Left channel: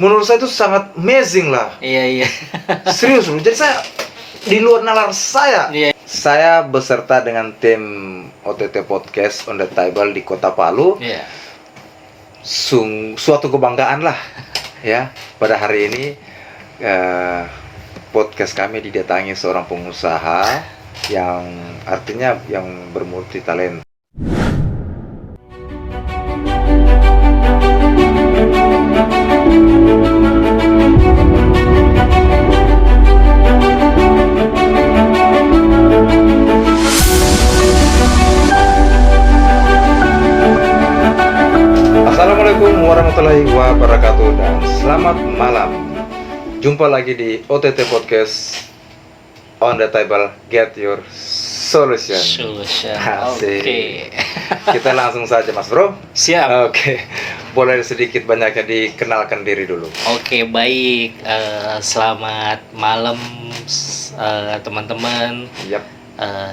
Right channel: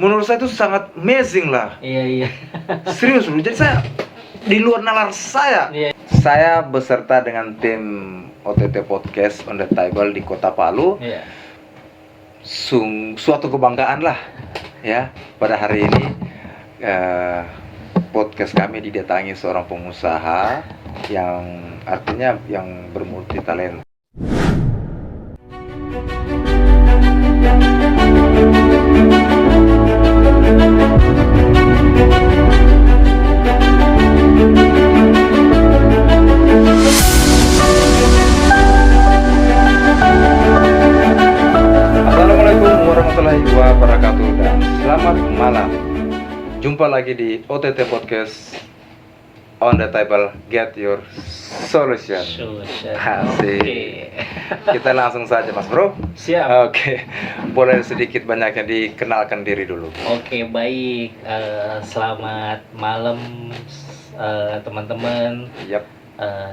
Menurut saya itu sangat amazing lah. Iya. Serius loh. Jadi saya di luar nalar saya. Iya. Saya beserta dengan tim OTT Podcast on the Table di Kota Palu. Iya. Suatu kebanggaan lah ya pada hari ini. Podcast kami didatangi seorang pengusaha yang artinya yang bermulti talenta. Assalamualaikum warahmatullahi wabarakatuh dan selamat malam. Jumpa lagi di OTT Podcast on the Table, Get Your Solution. Asik. Oke. Kita langsung saja Mas Bro. Siap. Oke. Boleh sedikit banyaknya dikenalkan diri dulu. Oke, baik. Selamat malam teman-teman. Yap.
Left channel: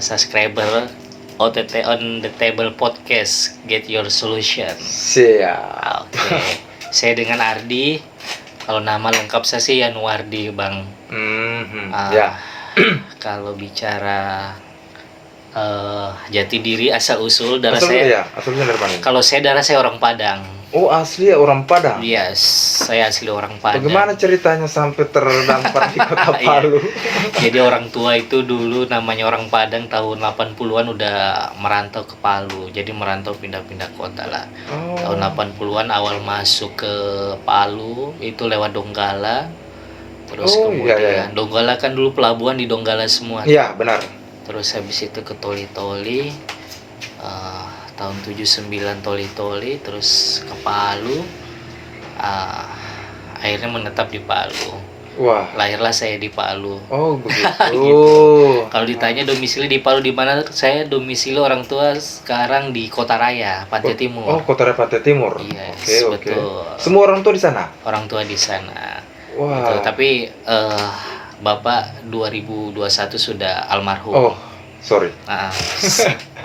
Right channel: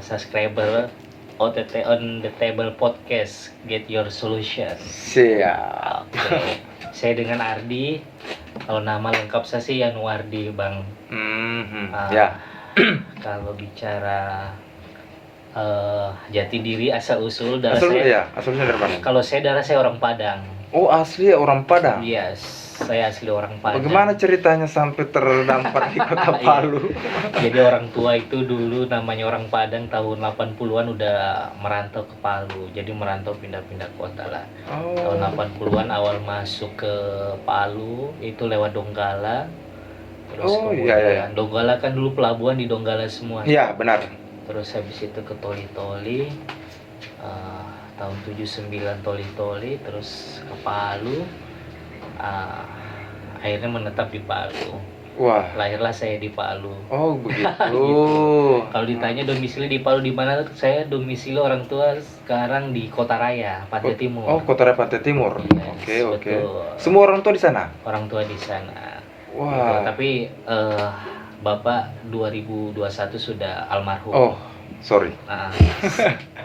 Subscriber OTT on the Table Podcast, Get Your Solution. Siap. Oke. Saya dengan Ardi. Kalau nama lengkap saya sih Yanuardi, Bang. Ya. Kalau bicara jati diri asal usul darah Asal saya. ya, asalnya dari mana? Kalau saya darah saya orang Padang. Oh, asli ya orang Padang. Yes, saya asli orang Padang. Bagaimana ceritanya sampai terdampar di Kota Palu? Jadi orang tua itu dulu namanya orang Padang tahun 80-an udah merantau ke Palu. Jadi merantau pindah-pindah kota lah. Oh. Tahun 80-an awal masuk ke Palu itu lewat Donggala. Terus kemudian iya. Donggala kan dulu pelabuhan di Donggala semua. Iya, benar. Terus habis itu ke Toli-Toli. Tahun 79 Toli-Toli, terus ke Palu. Akhirnya menetap di Palu. Wah. Lahirlah saya di Palu. Oh, begitu. Gitu. Kalau ditanya domisili di Palu di mana, saya domisili orang tua sekarang di Kota Raya, Pantai Timur. Oh, Kota Raya Pantai Timur. Yes, Oke. betul. Semua orang tua di sana? Orang tua di sana. Wah. Gitu. Tapi Bapak 2021 sudah almarhum. Oh, sorry.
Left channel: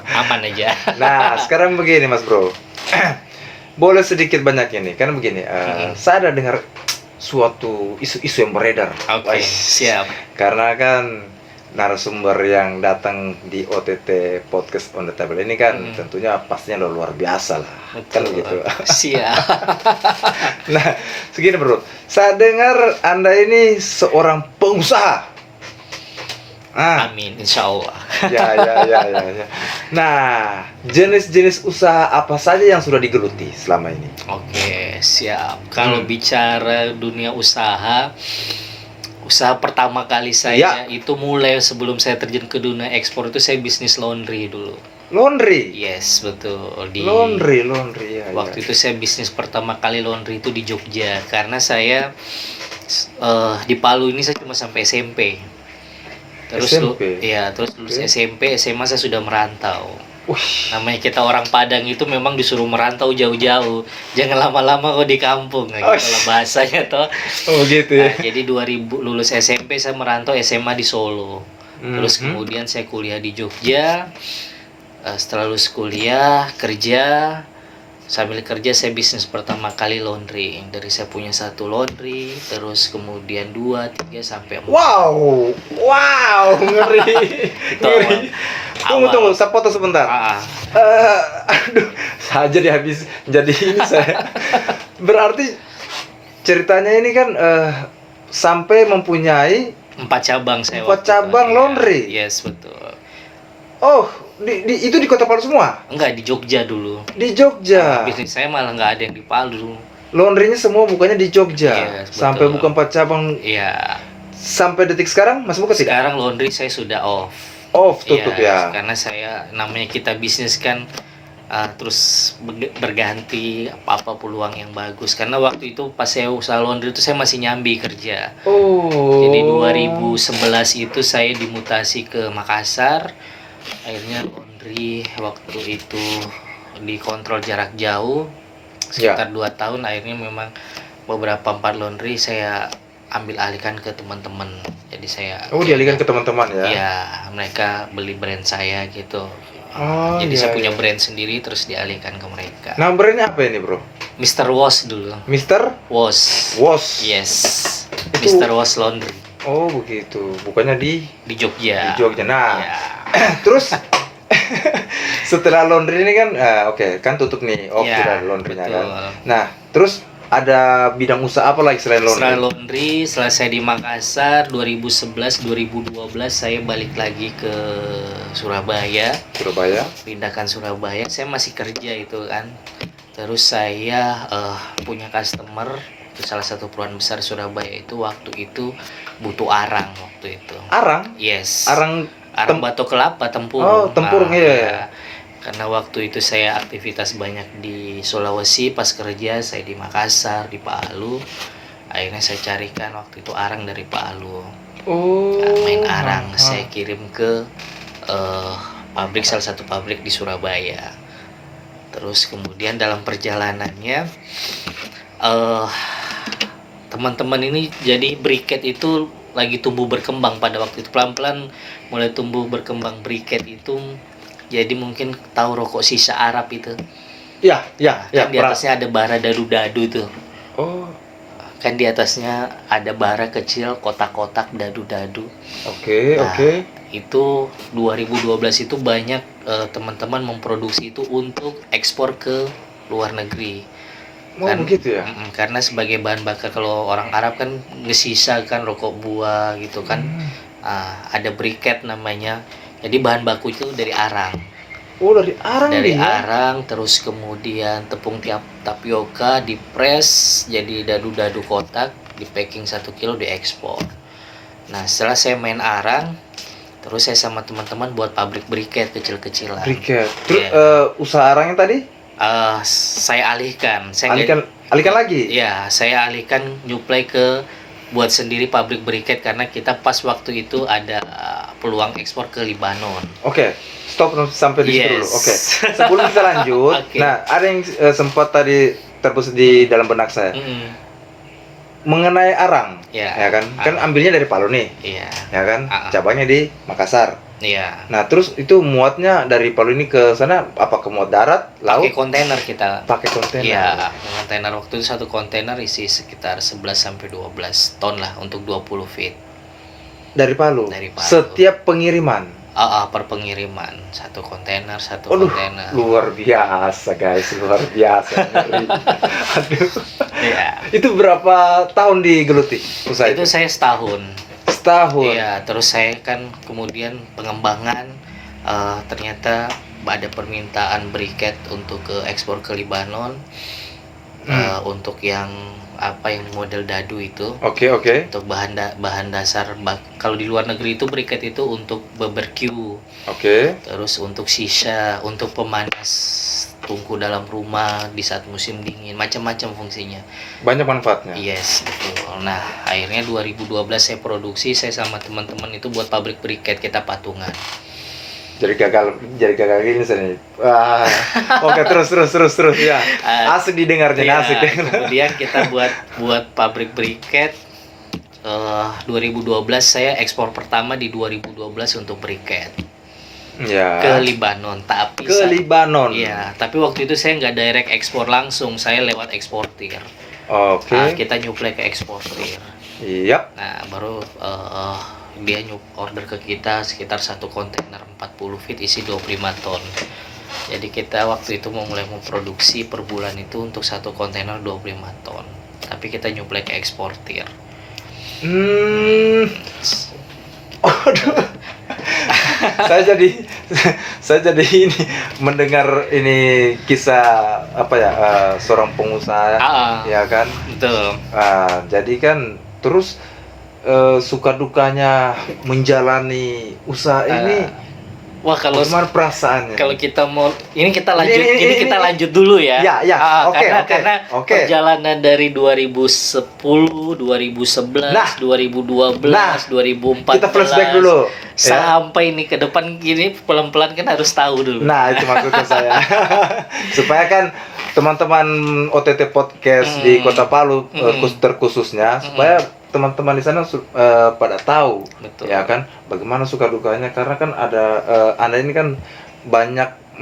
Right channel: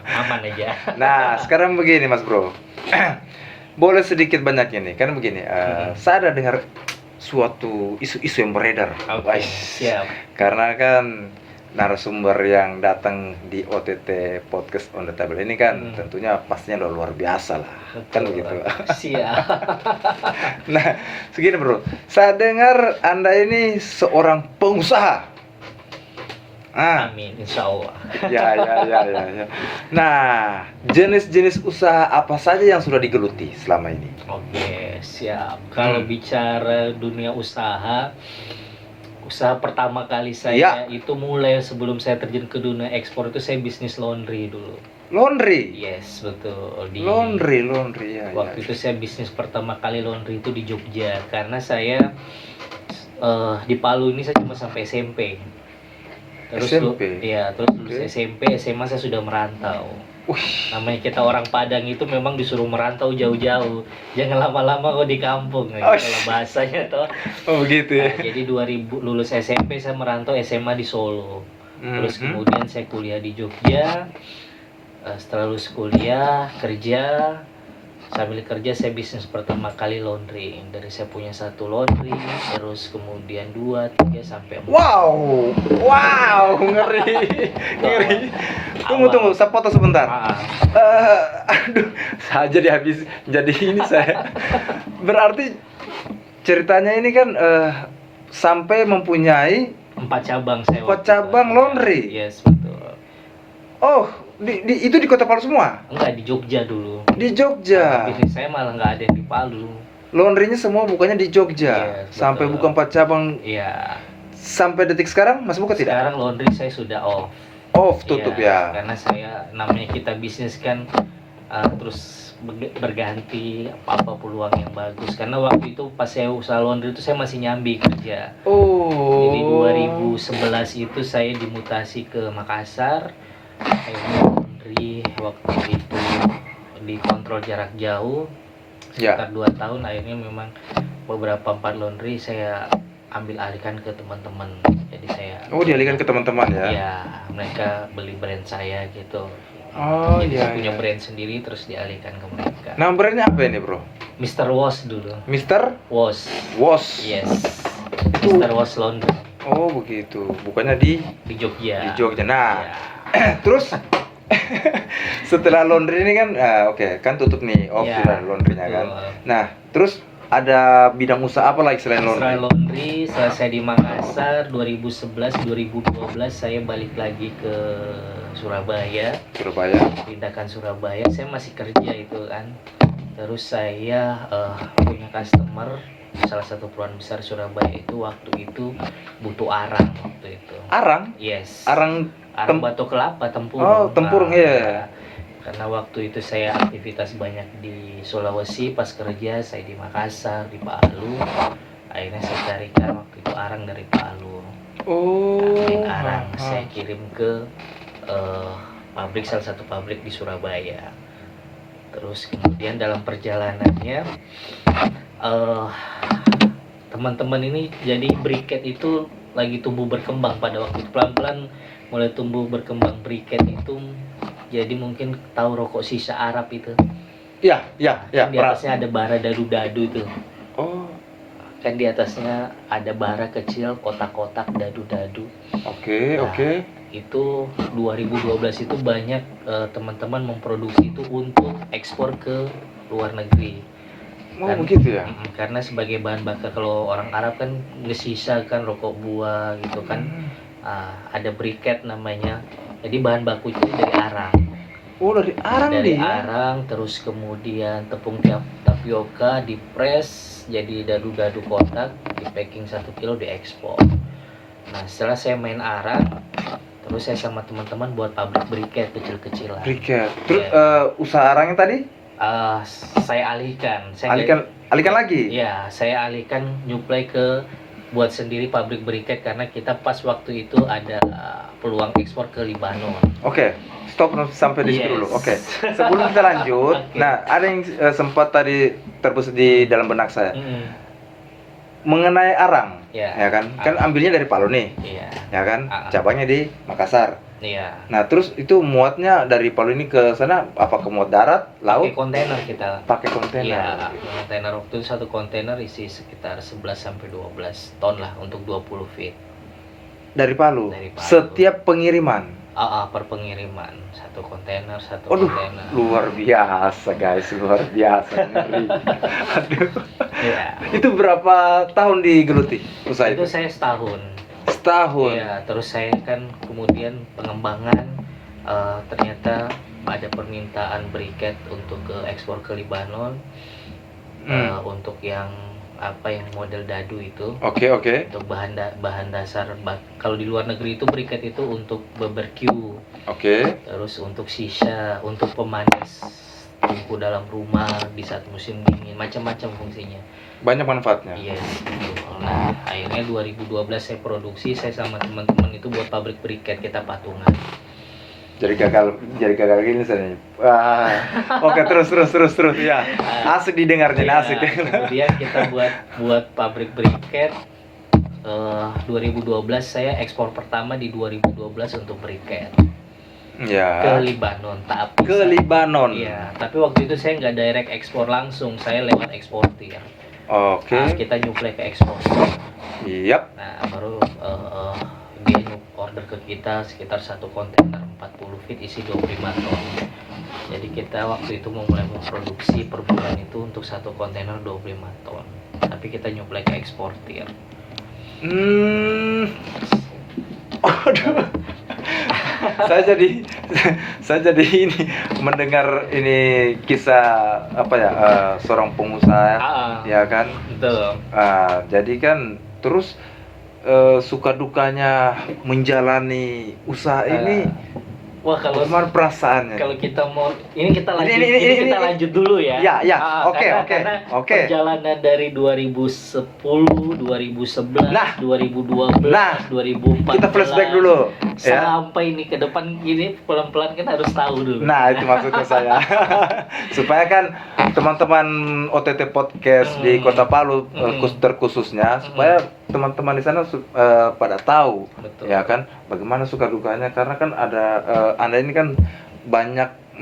Aman aja. Nah, sekarang begini Mas Bro. Boleh sedikit banyak ini. Kan begini, saya ada dengar suatu isu-isu yang beredar. Oke, siap. Karena kan narasumber yang datang di OTT Podcast on the Table ini kan tentunya pastinya luar biasa lah. Betul. Kan begitu. Siap. Nah, segini Bro. Saya dengar Anda ini seorang pengusaha. Amin, insya Allah. Ya. Nah, jenis-jenis usaha apa saja yang sudah digeluti selama ini? Oke, siap. Kalau bicara dunia usaha pertama kali saya itu mulai sebelum saya terjun ke dunia ekspor itu saya bisnis laundry dulu. Laundry? Yes, betul. Laundry ya. Waktu itu saya bisnis pertama kali laundry itu di Jogja karena saya di Palu ini saya cuma sampai SMP. Terus lulus SMP, SMA saya sudah merantau. Namanya kita orang Padang itu memang disuruh merantau jauh-jauh. Jangan lama-lama kok di kampung gitu lah bahasanya toh. Oh begitu ya. Jadi 2000 lulus SMP saya merantau SMA di Solo. Terus kemudian saya kuliah di Jogja. Setelah lulus kuliah, kerja. Sambil kerja saya bisnis pertama kali laundry. Dari saya punya 1 laundry, terus kemudian 2, 3 sampai 4. Wow, ngeri. Tunggu, saya foto sebentar. Aduh, saya jadi habis jadi ini saya. Berarti ceritanya ini kan sampai mempunyai 4 cabang saya. 4 cabang laundry. Yes, betul. Oh, itu di Kota Palu semua? Enggak, di Jogja dulu. Di Jogja. Bisnis saya malah nggak ada yang di Palu. Laundrynya semua bukannya di Jogja. Yes, sampai betul. buka 4 cabang. Iya. Sampai detik sekarang masih buka tidak? Sekarang laundry saya sudah off. Tutup ya. Karena saya namanya kita bisnis kan terus berganti apa peluang yang bagus. Karena waktu itu pas saya usaha laundry itu saya masih nyambi kerja. Jadi 2011 itu saya dimutasi ke Makassar. Akhirnya laundry waktu itu dikontrol jarak jauh sekitar 2 tahun. Akhirnya memang beberapa 4 laundry saya ambil alihkan ke teman-teman. Jadi saya dialihkan ke teman-teman ya? Iya, mereka beli brand saya gitu. Jadi saya punya brand sendiri terus dialihkan ke mereka. Nah, brandnya apa ini Bro? Mr. Wash dulu. Mr. Wash. Wash. Yes. Itu- Mr. Wash Laundry Oh begitu, bukannya di di Jogja. Jogja. Nah, Ya. terus setelah laundry ini kan, oke, kan tutup nih, Ya, sudah laundrynya kan. betul. Nah, terus ada bidang usaha apa lagi selain Setelah laundry? laundry, selesai di Makassar 2011-2012 saya balik lagi ke Surabaya, Surabaya. pindahkan Surabaya. Saya masih kerja itu kan. Terus saya punya customer salah satu perusahaan besar Surabaya itu waktu itu butuh arang waktu itu. Arang, Yes. arang. Arang tem- batok kelapa tempurung. Oh, tempurung, iya, iya. Karena waktu itu saya aktivitas banyak di Sulawesi, pas kerja saya di Makassar, di Palu. Akhirnya saya carikan waktu itu arang dari Palu. Oh. Main arang saya kirim ke pabrik, salah satu pabrik di Surabaya. Terus kemudian dalam perjalanannya teman-teman ini jadi briket itu lagi tumbuh berkembang pada waktu itu, pelan-pelan mulai tumbuh berkembang briket itu. Jadi mungkin tahu rokok sisa Arab itu. Ya, ya, ya. Kan di atasnya ada bara dadu-dadu tuh. Oh, Kan di atasnya ada bara kecil, kotak-kotak dadu-dadu. oke, Nah, oke. Itu 2012 itu banyak teman-teman memproduksi itu untuk ekspor ke luar negeri. Oh, Kan, begitu ya. karena sebagai bahan bakar kalau orang Arab kan ngesisa kan rokok buah gitu kan. Ada briket namanya. Jadi bahan baku itu dari arang. Oh, dari arang Dari nih ya. arang, terus kemudian tepung tapioka dipres jadi dadu-dadu kotak, di packing 1 kilo, diekspor. Nah, setelah saya main arang, terus saya sama teman-teman buat pabrik briket kecil-kecilan. Briket. Terus Iya. usaha arangnya tadi Saya alihkan. Saya nggak- alihkan lagi. Ya, saya alihkan nyuplai ke buat sendiri pabrik briket karena kita pas waktu itu ada peluang ekspor ke Libanon. Oke, stop sampai di situ Yes. dulu. Oke. Sebelum kita lanjut, Oke. nah ada yang sempat tadi terbesit di dalam benak saya Mm-mm. mengenai arang, Ya. ya kan? Kan ambilnya dari Palu nih, Iya. ya kan? Ah. Cabangnya di Makassar. Iya. Nah, terus itu muatnya dari Palu ini ke sana apa ke muat darat, Pakai laut? kontainer kita. Pakai kontainer. Iya, kontainer waktu itu satu kontainer isi sekitar 11 sampai 12 ton lah untuk 20 feet. Dari Palu. Dari Palu. Setiap pengiriman. Per pengiriman satu kontainer, satu Aduh, kontainer. luar biasa guys, luar biasa. Ngeri. Aduh. Iya. Itu berapa tahun digeluti usaha Itu itu? saya setahun. Setahun. Iya, terus saya kan kemudian pengembangan ternyata ada permintaan briket untuk ke ekspor ke Libanon. Untuk yang yang model dadu itu. Oke, oke. Untuk bahan dasar kalau di luar negeri itu briket itu untuk barbecue, Oke. terus untuk sisa, untuk pemanas tungku dalam rumah di saat musim dingin, macam-macam fungsinya. Banyak manfaatnya. Yes, betul. Nah, akhirnya 2012 saya produksi, saya sama teman-teman itu buat pabrik briket, kita patungan. Jadi gagal gini saya. Wah. Oke, terus ya. Asik didengarnya, Iya, asik didengar. kemudian kita buat pabrik briket. 2012 saya ekspor pertama di 2012 untuk briket Ya. ke Libanon, tapi Ke Libanon. Iya, tapi waktu itu saya nggak direct ekspor langsung, saya lewat eksportir. Oke. Kita nyuplai ke eksportir. Iya. Nah, baru dia order ke kita sekitar satu kontainer 40 feet isi 25 ton. Jadi kita waktu itu mulai memproduksi per bulan itu untuk satu kontainer 25 ton. Tapi kita nyuplai ke eksportir. Aduh. saya jadi ini mendengar ini kisah seorang pengusaha, ya kan? Betul. Jadi kan terus suka dukanya menjalani usaha ini. Wah, kalau Bagaimana perasaannya? kalau kita mau ini kita lanjut Ini kita lanjut dulu ya. Ya. Oke. Karena perjalanan dari 2010, 2011, 2012, 2014 Kita flashback dulu. Sampai ini ke depan gini pelan-pelan kan harus tahu dulu. Nah, itu maksudnya saya. Supaya kan teman-teman OTT podcast di Kota Palu terkhususnya supaya teman-teman di sana pada tahu. Betul. Ya kan bagaimana suka dukanya, karena kan ada Anda ini kan banyak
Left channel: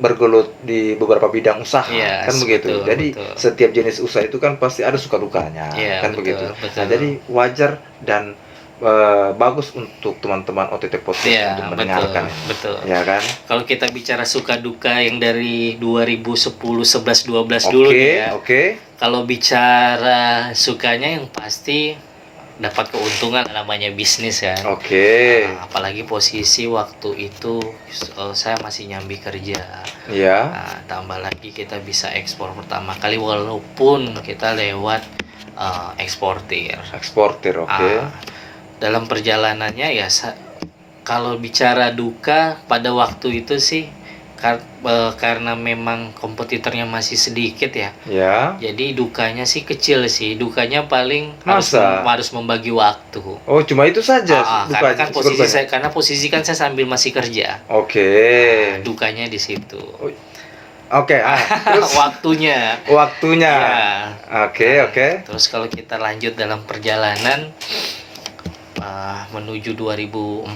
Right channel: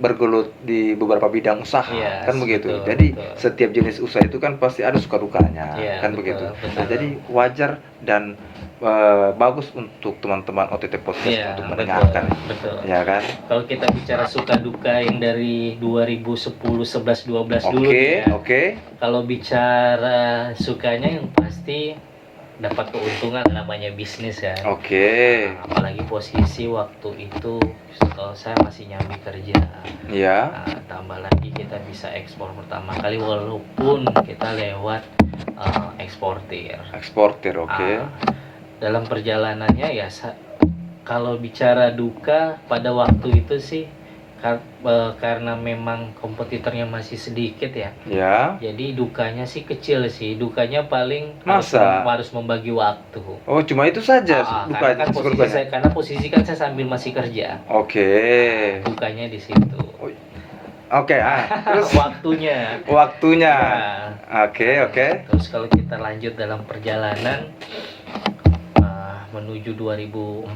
bergelut di beberapa bidang usaha, Iya, kan begitu. betul, Jadi betul. setiap jenis usaha itu kan pasti ada suka dukanya, Iya, kan betul, begitu. betul. Nah, jadi wajar dan bagus untuk teman-teman OTT Podcast Iya, untuk betul, mendengarkan, betul. ya kan? Kalau kita bicara suka duka yang dari 2010, 11, 12 Oke, dulu nih ya. oke. Kalau bicara sukanya yang pasti dapat keuntungan, namanya bisnis kan. Oke. Nah, apalagi posisi waktu itu saya masih nyambi kerja. Iya. Nah, tambah lagi kita bisa ekspor pertama kali walaupun kita lewat eksportir. Eksportir, oke. Dalam perjalanannya ya kalau bicara duka pada waktu itu sih karena memang kompetitornya masih sedikit ya. Ya. Jadi dukanya sih kecil sih. Dukanya paling Masa? harus membagi waktu. Oh, cuma itu saja Karena kan posisi dukanya? karena posisi kan saya sambil masih kerja. Oke. Dukanya di situ. Oke, terus Waktunya. waktunya. Ya. Oke. Terus kalau kita lanjut dalam perjalanan menuju 2014.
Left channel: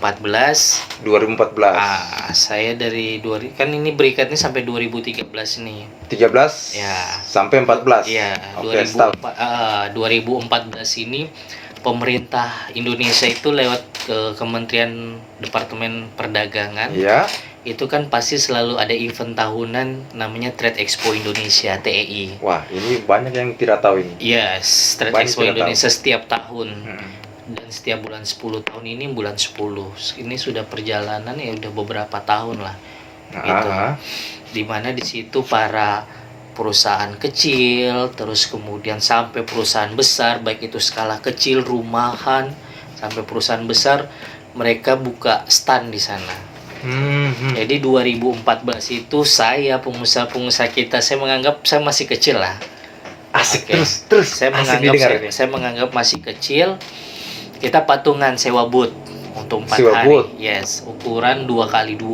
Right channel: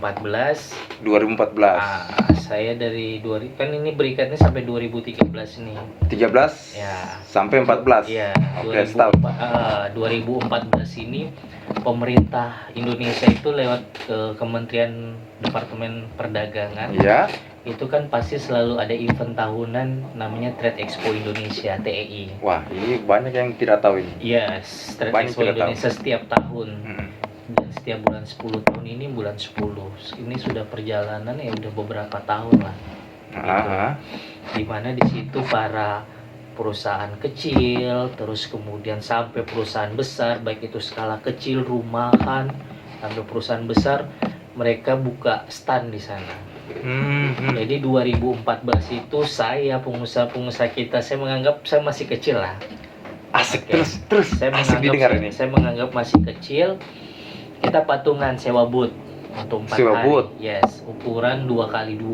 2014. Saya dari kan ini berikatnya sampai 2013 nih. 13 Ya. sampai 14. Iya, Oke, stop. 2014 ini pemerintah Indonesia itu lewat Kementerian Departemen Perdagangan. Iya. Itu kan pasti selalu ada event tahunan namanya Trade Expo Indonesia, TEI. Wah, ini banyak yang tidak tahu ini. Yes, Trade Banyak Expo tidak Indonesia setiap tahun. Dan setiap bulan 10 tahun ini bulan 10. Ini sudah perjalanan ya udah beberapa tahun lah. Gitu. Dimana di situ para perusahaan kecil, terus kemudian sampai perusahaan besar, baik itu skala kecil, rumahan, sampai perusahaan besar, mereka buka stand di sana. Jadi 2014 itu saya pengusaha kita, saya menganggap saya masih kecil lah. Asik. Oke. Terus Saya menganggap masih kecil. Kita patungan sewa booth untuk 4 Sewa hari. booth. Yes, ukuran 2x2.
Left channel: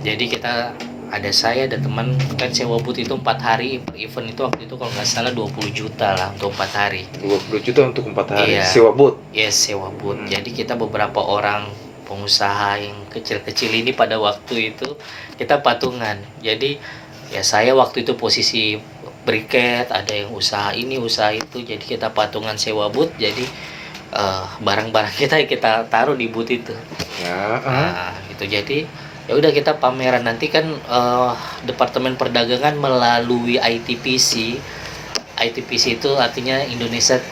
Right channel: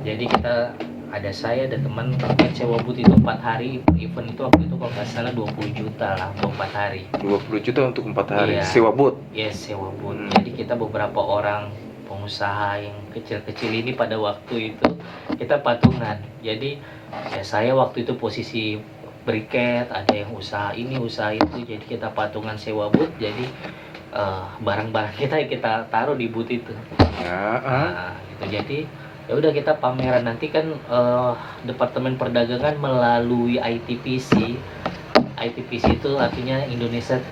Jadi kita ada saya ada teman kan sewa booth itu 4 hari. Event itu waktu itu kalau nggak salah 20 juta lah untuk 4 hari. 20 juta untuk 4 hari. Iya. Sewa booth. Yes, sewa booth. Jadi kita beberapa orang pengusaha yang kecil-kecil ini pada waktu itu kita patungan. Jadi ya saya waktu itu posisi briket, ada yang usaha ini usaha itu, jadi kita patungan sewa booth. Jadi barang-barang kita taruh di booth itu. Gitu. Jadi ya udah kita pameran, nanti kan Departemen Perdagangan melalui ITPC. ITPC itu artinya Indonesia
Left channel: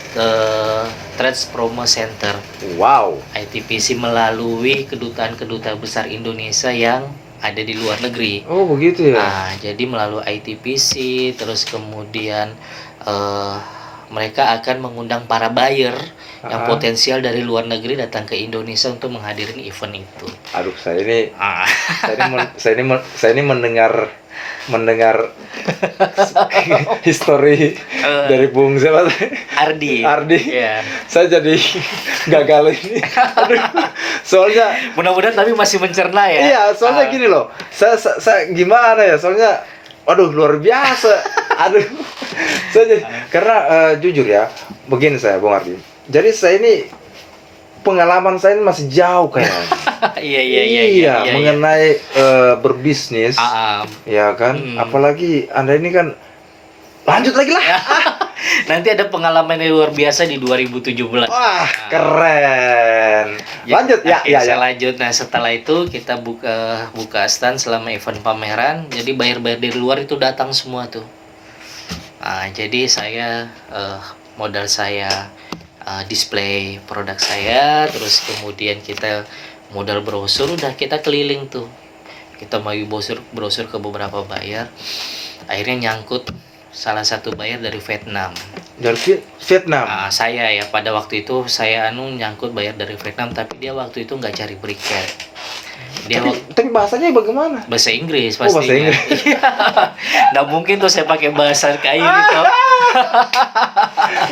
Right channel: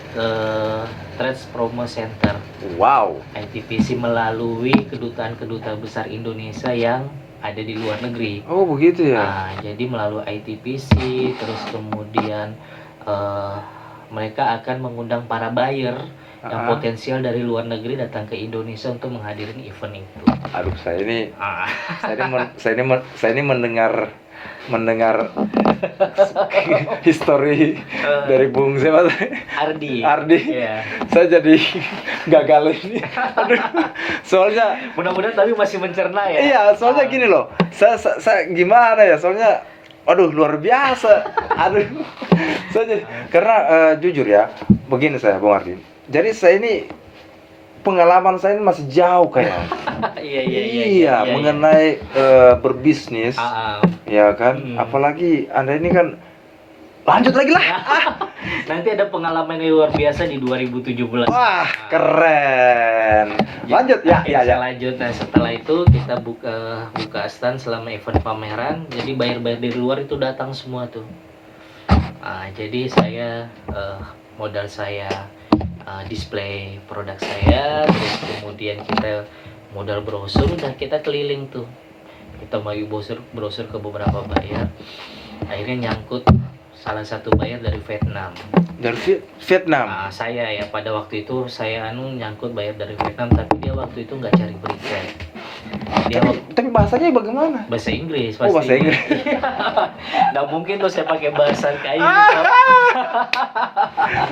Trade Promo Center. Wow. ITPC melalui kedutaan besar Indonesia yang ada di luar negeri. Oh, begitu ya. Nah, jadi melalui ITPC terus kemudian mereka akan mengundang para buyer yang potensial dari luar negeri datang ke Indonesia untuk menghadiri event itu. Aduh, saya ini mendengar histori dari Bung siapa? Ardi. Yeah. Saya jadi gagal ini. Aduh, soalnya mudah-mudahan tapi masih mencerna ya. Iya, soalnya gini loh. Saya gimana ya? Soalnya aduh luar biasa. Aduh. Karena jujur ya, begini saya Bung Ardi. Jadi saya ini pengalaman saya ini masih jauh kayaknya. Iya, mengenai berbisnis. Ya kan? Apalagi Anda ini kan lanjut lagi lah. Nanti ada pengalaman yang luar biasa di 2017. Wah, keren. Lanjut ya. Saya lanjut. Nah, setelah itu kita buka stand selama event pameran. Jadi buyer-buyer dari luar itu datang semua tuh. Jadi saya modal saya display produk saya, terus kemudian kita modal brosur, udah kita keliling tuh. Kita mau brosur ke beberapa buyer. Akhirnya nyangkut salah satu buyer dari Vietnam. Dari Vietnam. Saya ya pada waktu itu saya nyangkut buyer dari Vietnam, tapi dia waktu itu nggak cari briket. Tapi bahasanya bagaimana? Bahasa Inggris pasti. Bahasa Inggris. Nggak mungkin tuh saya pakai bahasa kayak gitu.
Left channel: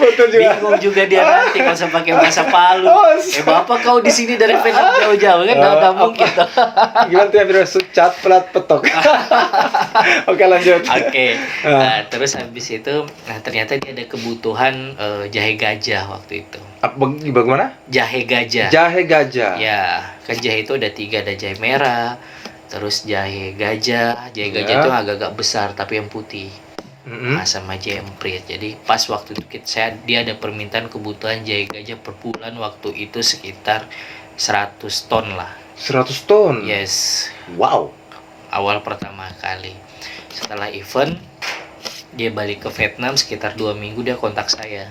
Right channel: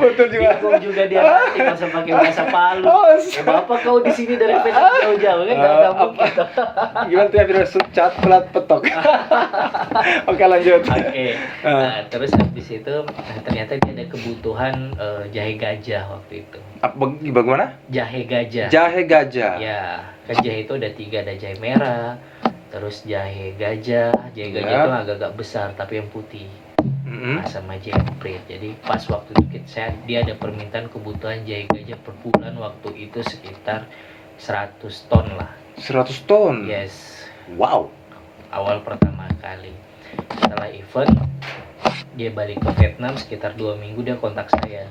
Betul juga. Bingung juga dia nanti kalau saya pakai bahasa Palu. Bapak kau di sini dari Vietnam jauh-jauh kan nggak mungkin. Gimana tuh ya cat pelat petok. Oke, lanjut. Nah, terus habis itu ternyata dia ada kebutuhan jahe gajah waktu itu. Bagaimana? Jahe gajah. Jahe gajah. Ya, kan jahe itu ada 3, ada jahe merah, terus jahe gajah Ya. itu agak-agak besar tapi yang putih. Mm-mm. Nah, sama jemprit. Jadi pas waktu itu dia ada permintaan kebutuhan jahe gajah per bulan, waktu itu sekitar 100 ton lah. 100 ton. Yes, Wow. awal pertama kali. Setelah event dia balik ke Vietnam sekitar 2 minggu, dia kontak saya.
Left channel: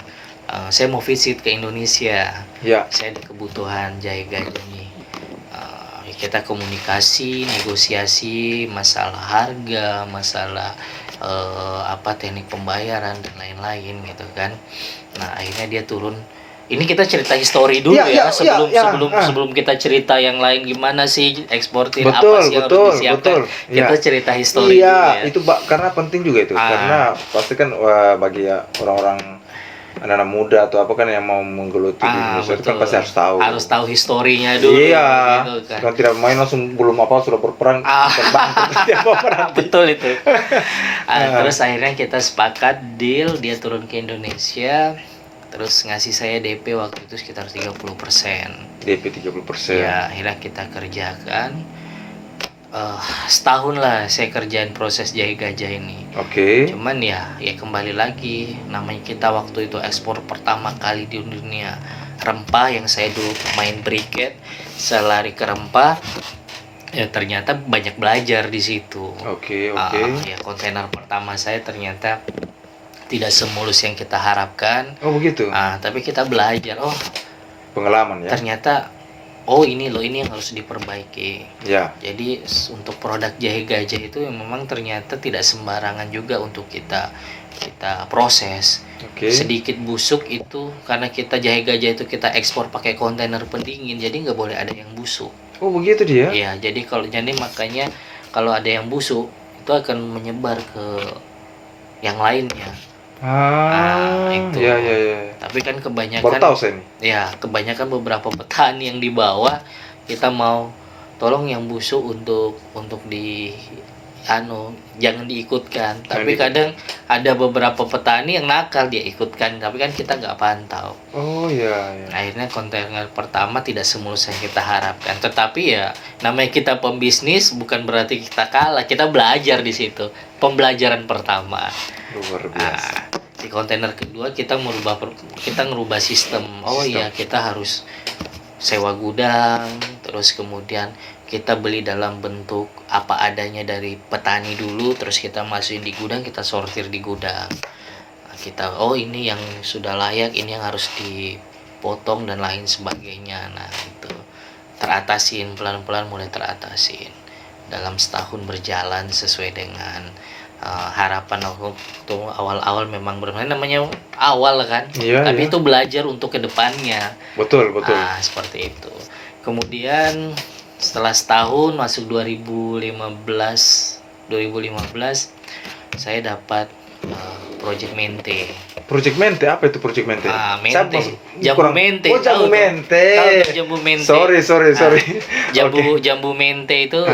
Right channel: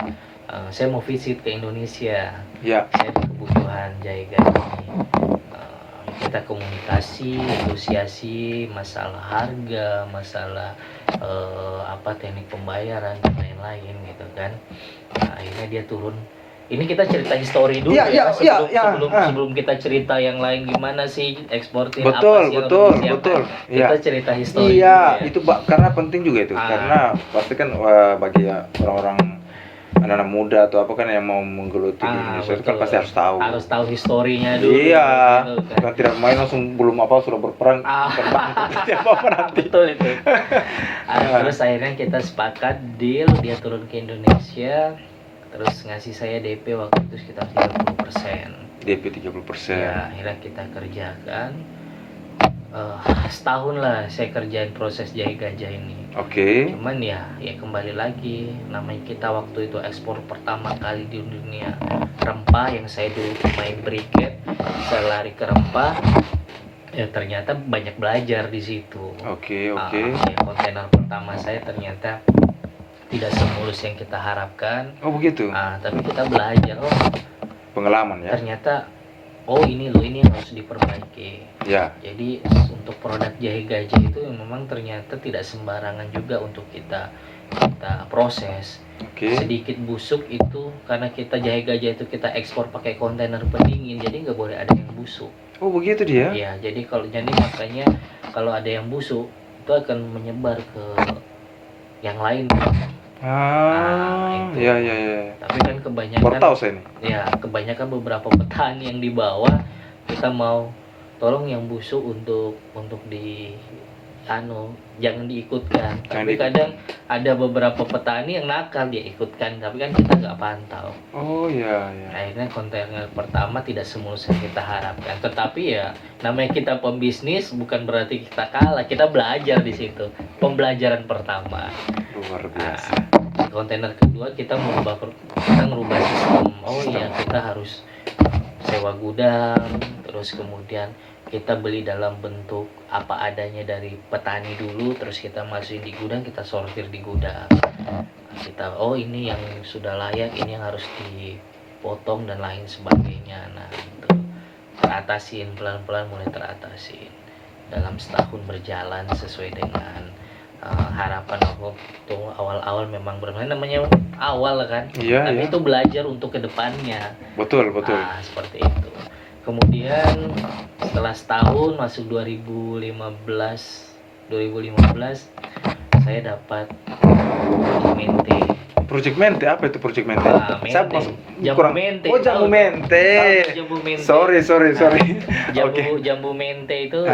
Saya mau visit ke Indonesia. Ya. Saya ada kebutuhan jahe gajah nih. Kita komunikasi, negosiasi masalah harga, masalah teknik pembayaran dan lain-lain gitu kan. Nah, akhirnya dia turun. Ini kita cerita histori dulu sebelum kita cerita yang lain gimana sih eksportir, apa sih yang harus disiapkan. Kita cerita histori dulu ya. Itu karena penting juga itu. Karena pasti kan bagi orang-orang anak-anak muda atau apa kan yang mau menggeluti di Indonesia itu kan pasti harus tahu historinya dulu. Iya, gitu kan. Kan tidak main langsung belum apa sudah berperang terbang apa nanti. Betul itu. Terus akhirnya kita sepakat deal, dia turun ke Indonesia, terus ngasih saya DP waktu itu sekitar 30%. DP 30%. Ya, akhirnya kita kerjakan. Setahun lah saya kerjain proses jahe gajah ini. Oke. Cuman ya kembali lagi, namanya kita waktu itu ekspor pertama kali di dunia rempah, yang saya dulu main briket, saya lari ke rempah. Ya ternyata banyak belajar di situ. Oke. Ya kontainer pertama saya ternyata tidak semulus yang kita harapkan. Oh begitu. Tapi kita belajar, Pengalaman ya. Ternyata ini yang harus diperbaiki. Ya. Jadi untuk produk jahe gajah itu memang ternyata tidak sembarangan juga untuk kita proses. Oke. Sedikit busuk itu karena kita jahe gajah itu kita ekspor pakai kontainer pendingin, jadi nggak boleh ada yang busuk. Oh begitu dia. Iya, jadi makanya kalau ada yang busuk itu akan menyebar ke yang lain. Itu. Ya. Tapi kan kebanyakan baru tahu saya nih. Ya, kebanyakan beberapa petani yang di bawah kita mau tolong yang busuk untuk jangan diikutkan. Tapi kadang ada beberapa petani yang nakal, dia ikutkan, tapi kan kita nggak pantau. Oh iya. Akhirnya kontainer pertama tidak semulus yang kita harapkan. Tetapi ya namanya kita pembisnis, bukan berarti kita kalah. Kita belajar di situ. Pembelajaran pertama. Luar biasa. Di kontainer kedua kita ngerubah sistem. Kita harus sewa gudang, terus kemudian kita beli dalam bentuk apa adanya dari petani dulu, terus kita masukin di gudang, kita sortir di gudang. Kita ini yang sudah layak, ini yang harus dipotong dan lain sebagainya. Nah itu teratasin pelan-pelan, mulai teratasin dalam setahun berjalan sesuai dengan harapan aku. Tuh awal-awal memang benar namanya awal kan. Tapi itu belajar untuk kedepannya. Betul. Seperti itu. Kemudian setelah setahun masuk 2015 saya dapat Project Mente. Apa itu Project Mente? Jambu mente. Jambu mente. Jambu mente. Sorry. Jambu mente itu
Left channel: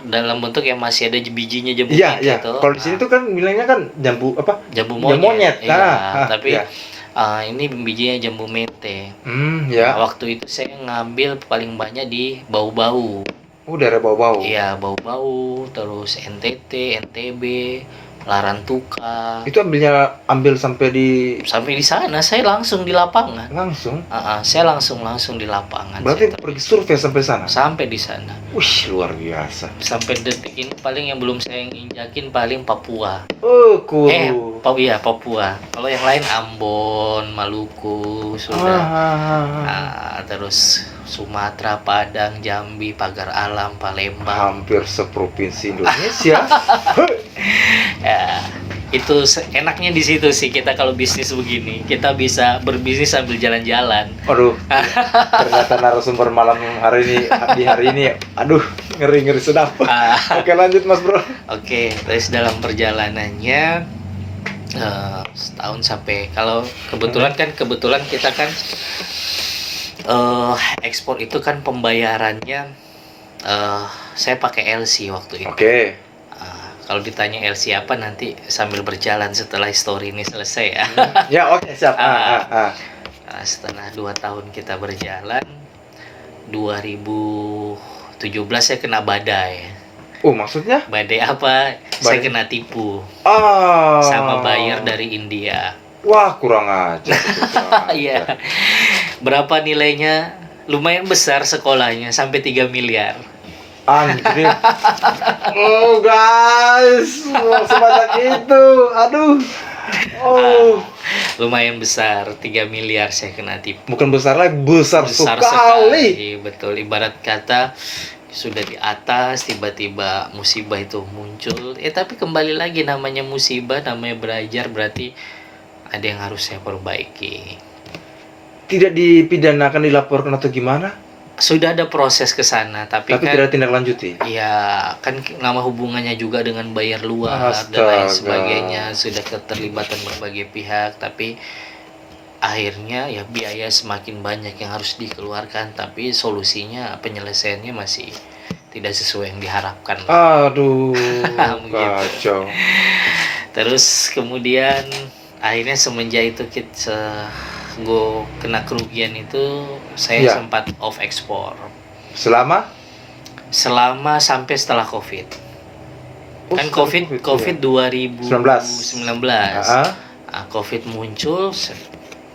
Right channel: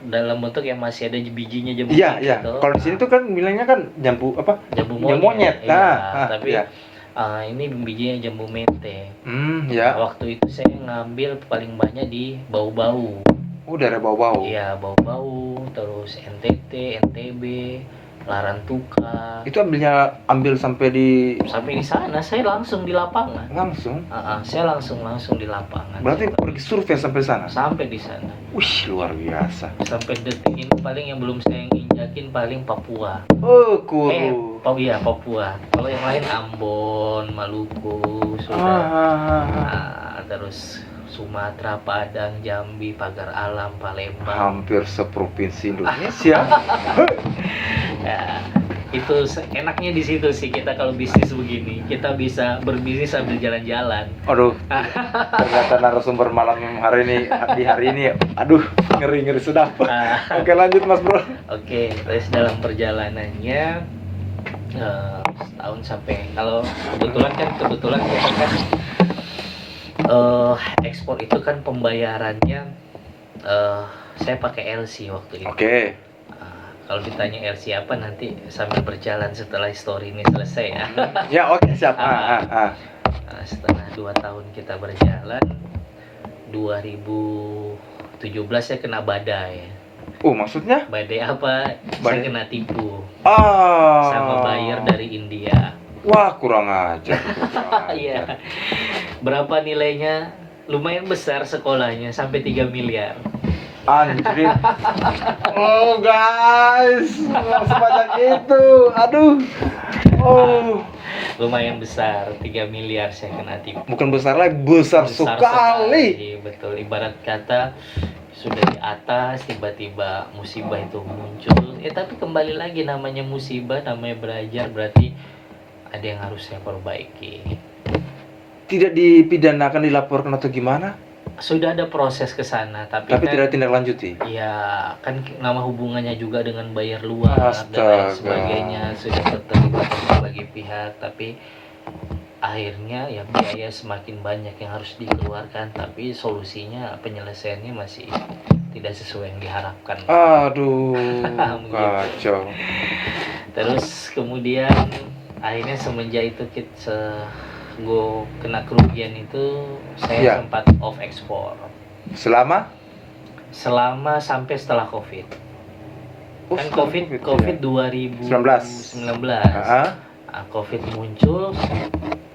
dalam bentuk yang masih ada bijinya jambu mente. Iya. Gitu. Kalau di sini tuh kan bilangnya kan jambu apa? Jambu monyet. Tapi ya. Ini bijinya jambu mente. Ya. Waktu itu saya ngambil paling banyak di Bau-Bau. Daerah Bau-Bau. Iya, Bau-Bau, terus NTT, NTB, Larantuka. Itu ambil sampai di sana, saya langsung di lapangan. Langsung? Saya langsung di lapangan. Berarti pergi survei sampai sana? Sampai di sana. Wih, luar biasa. Sampai detik ini paling yang belum saya injakin paling Papua. Kuru. Papua. Kalau yang lain Ambon, Maluku, sudah. Terus Sumatera, Padang, Jambi, Pagar Alam, Palembang. Hampir seprovinsi Indonesia. Ya, itu enaknya di situ sih kita kalau bisnis begini. Kita bisa berbisnis sambil jalan-jalan. Aduh. Ternyata narasumber malam hari ini. Aduh, ngeri sedap. Oke, lanjut Mas Bro. Oke, terus dalam perjalanannya setahun sampai kalau kebetulan kita kan ekspor itu kan pembayarannya saya pakai LC waktu itu. Oke. Kalau ditanya LC apa nanti sambil berjalan setelah story ini selesai ya. Ya oke, siap. Setelah 2 tahun kita berjalan, 2017 17 saya kena badai. Oh, maksudnya? Badai apa? Saya kena tipu sama buyer dari India. Wah, kurang aja. Iya. Berapa nilainya? Lumayan besar sekolahnya, sampai 3 miliar. Anjir. Oh, guys. Sebanyak itu. Aduh. Oh. Lumayan besar, 3 miliar saya kena tipu. Bukan besar lagi, besar sekali. Betul, ibarat kata sudah di atas tiba-tiba musibah itu muncul. Tapi kembali lagi, namanya musibah, namanya belajar, berarti ada yang harus saya perbaiki. Tidak dipidanakan, dilaporkan atau gimana? Sudah ada proses ke sana, tapi kan tidak tindak lanjuti. Ya, kan nama hubungannya juga dengan bayar luar dan lain sebagainya, sudah keterlibatan berbagai pihak, tapi akhirnya ya biaya semakin banyak yang harus dikeluarkan, tapi solusinya, penyelesaiannya masih tidak sesuai yang diharapkan. Aduh, kacau. Terus kemudian akhirnya semenjak itu gue kena kerugian itu, saya sempat off ekspor. Selama sampai setelah COVID. Kan COVID 2019. COVID muncul,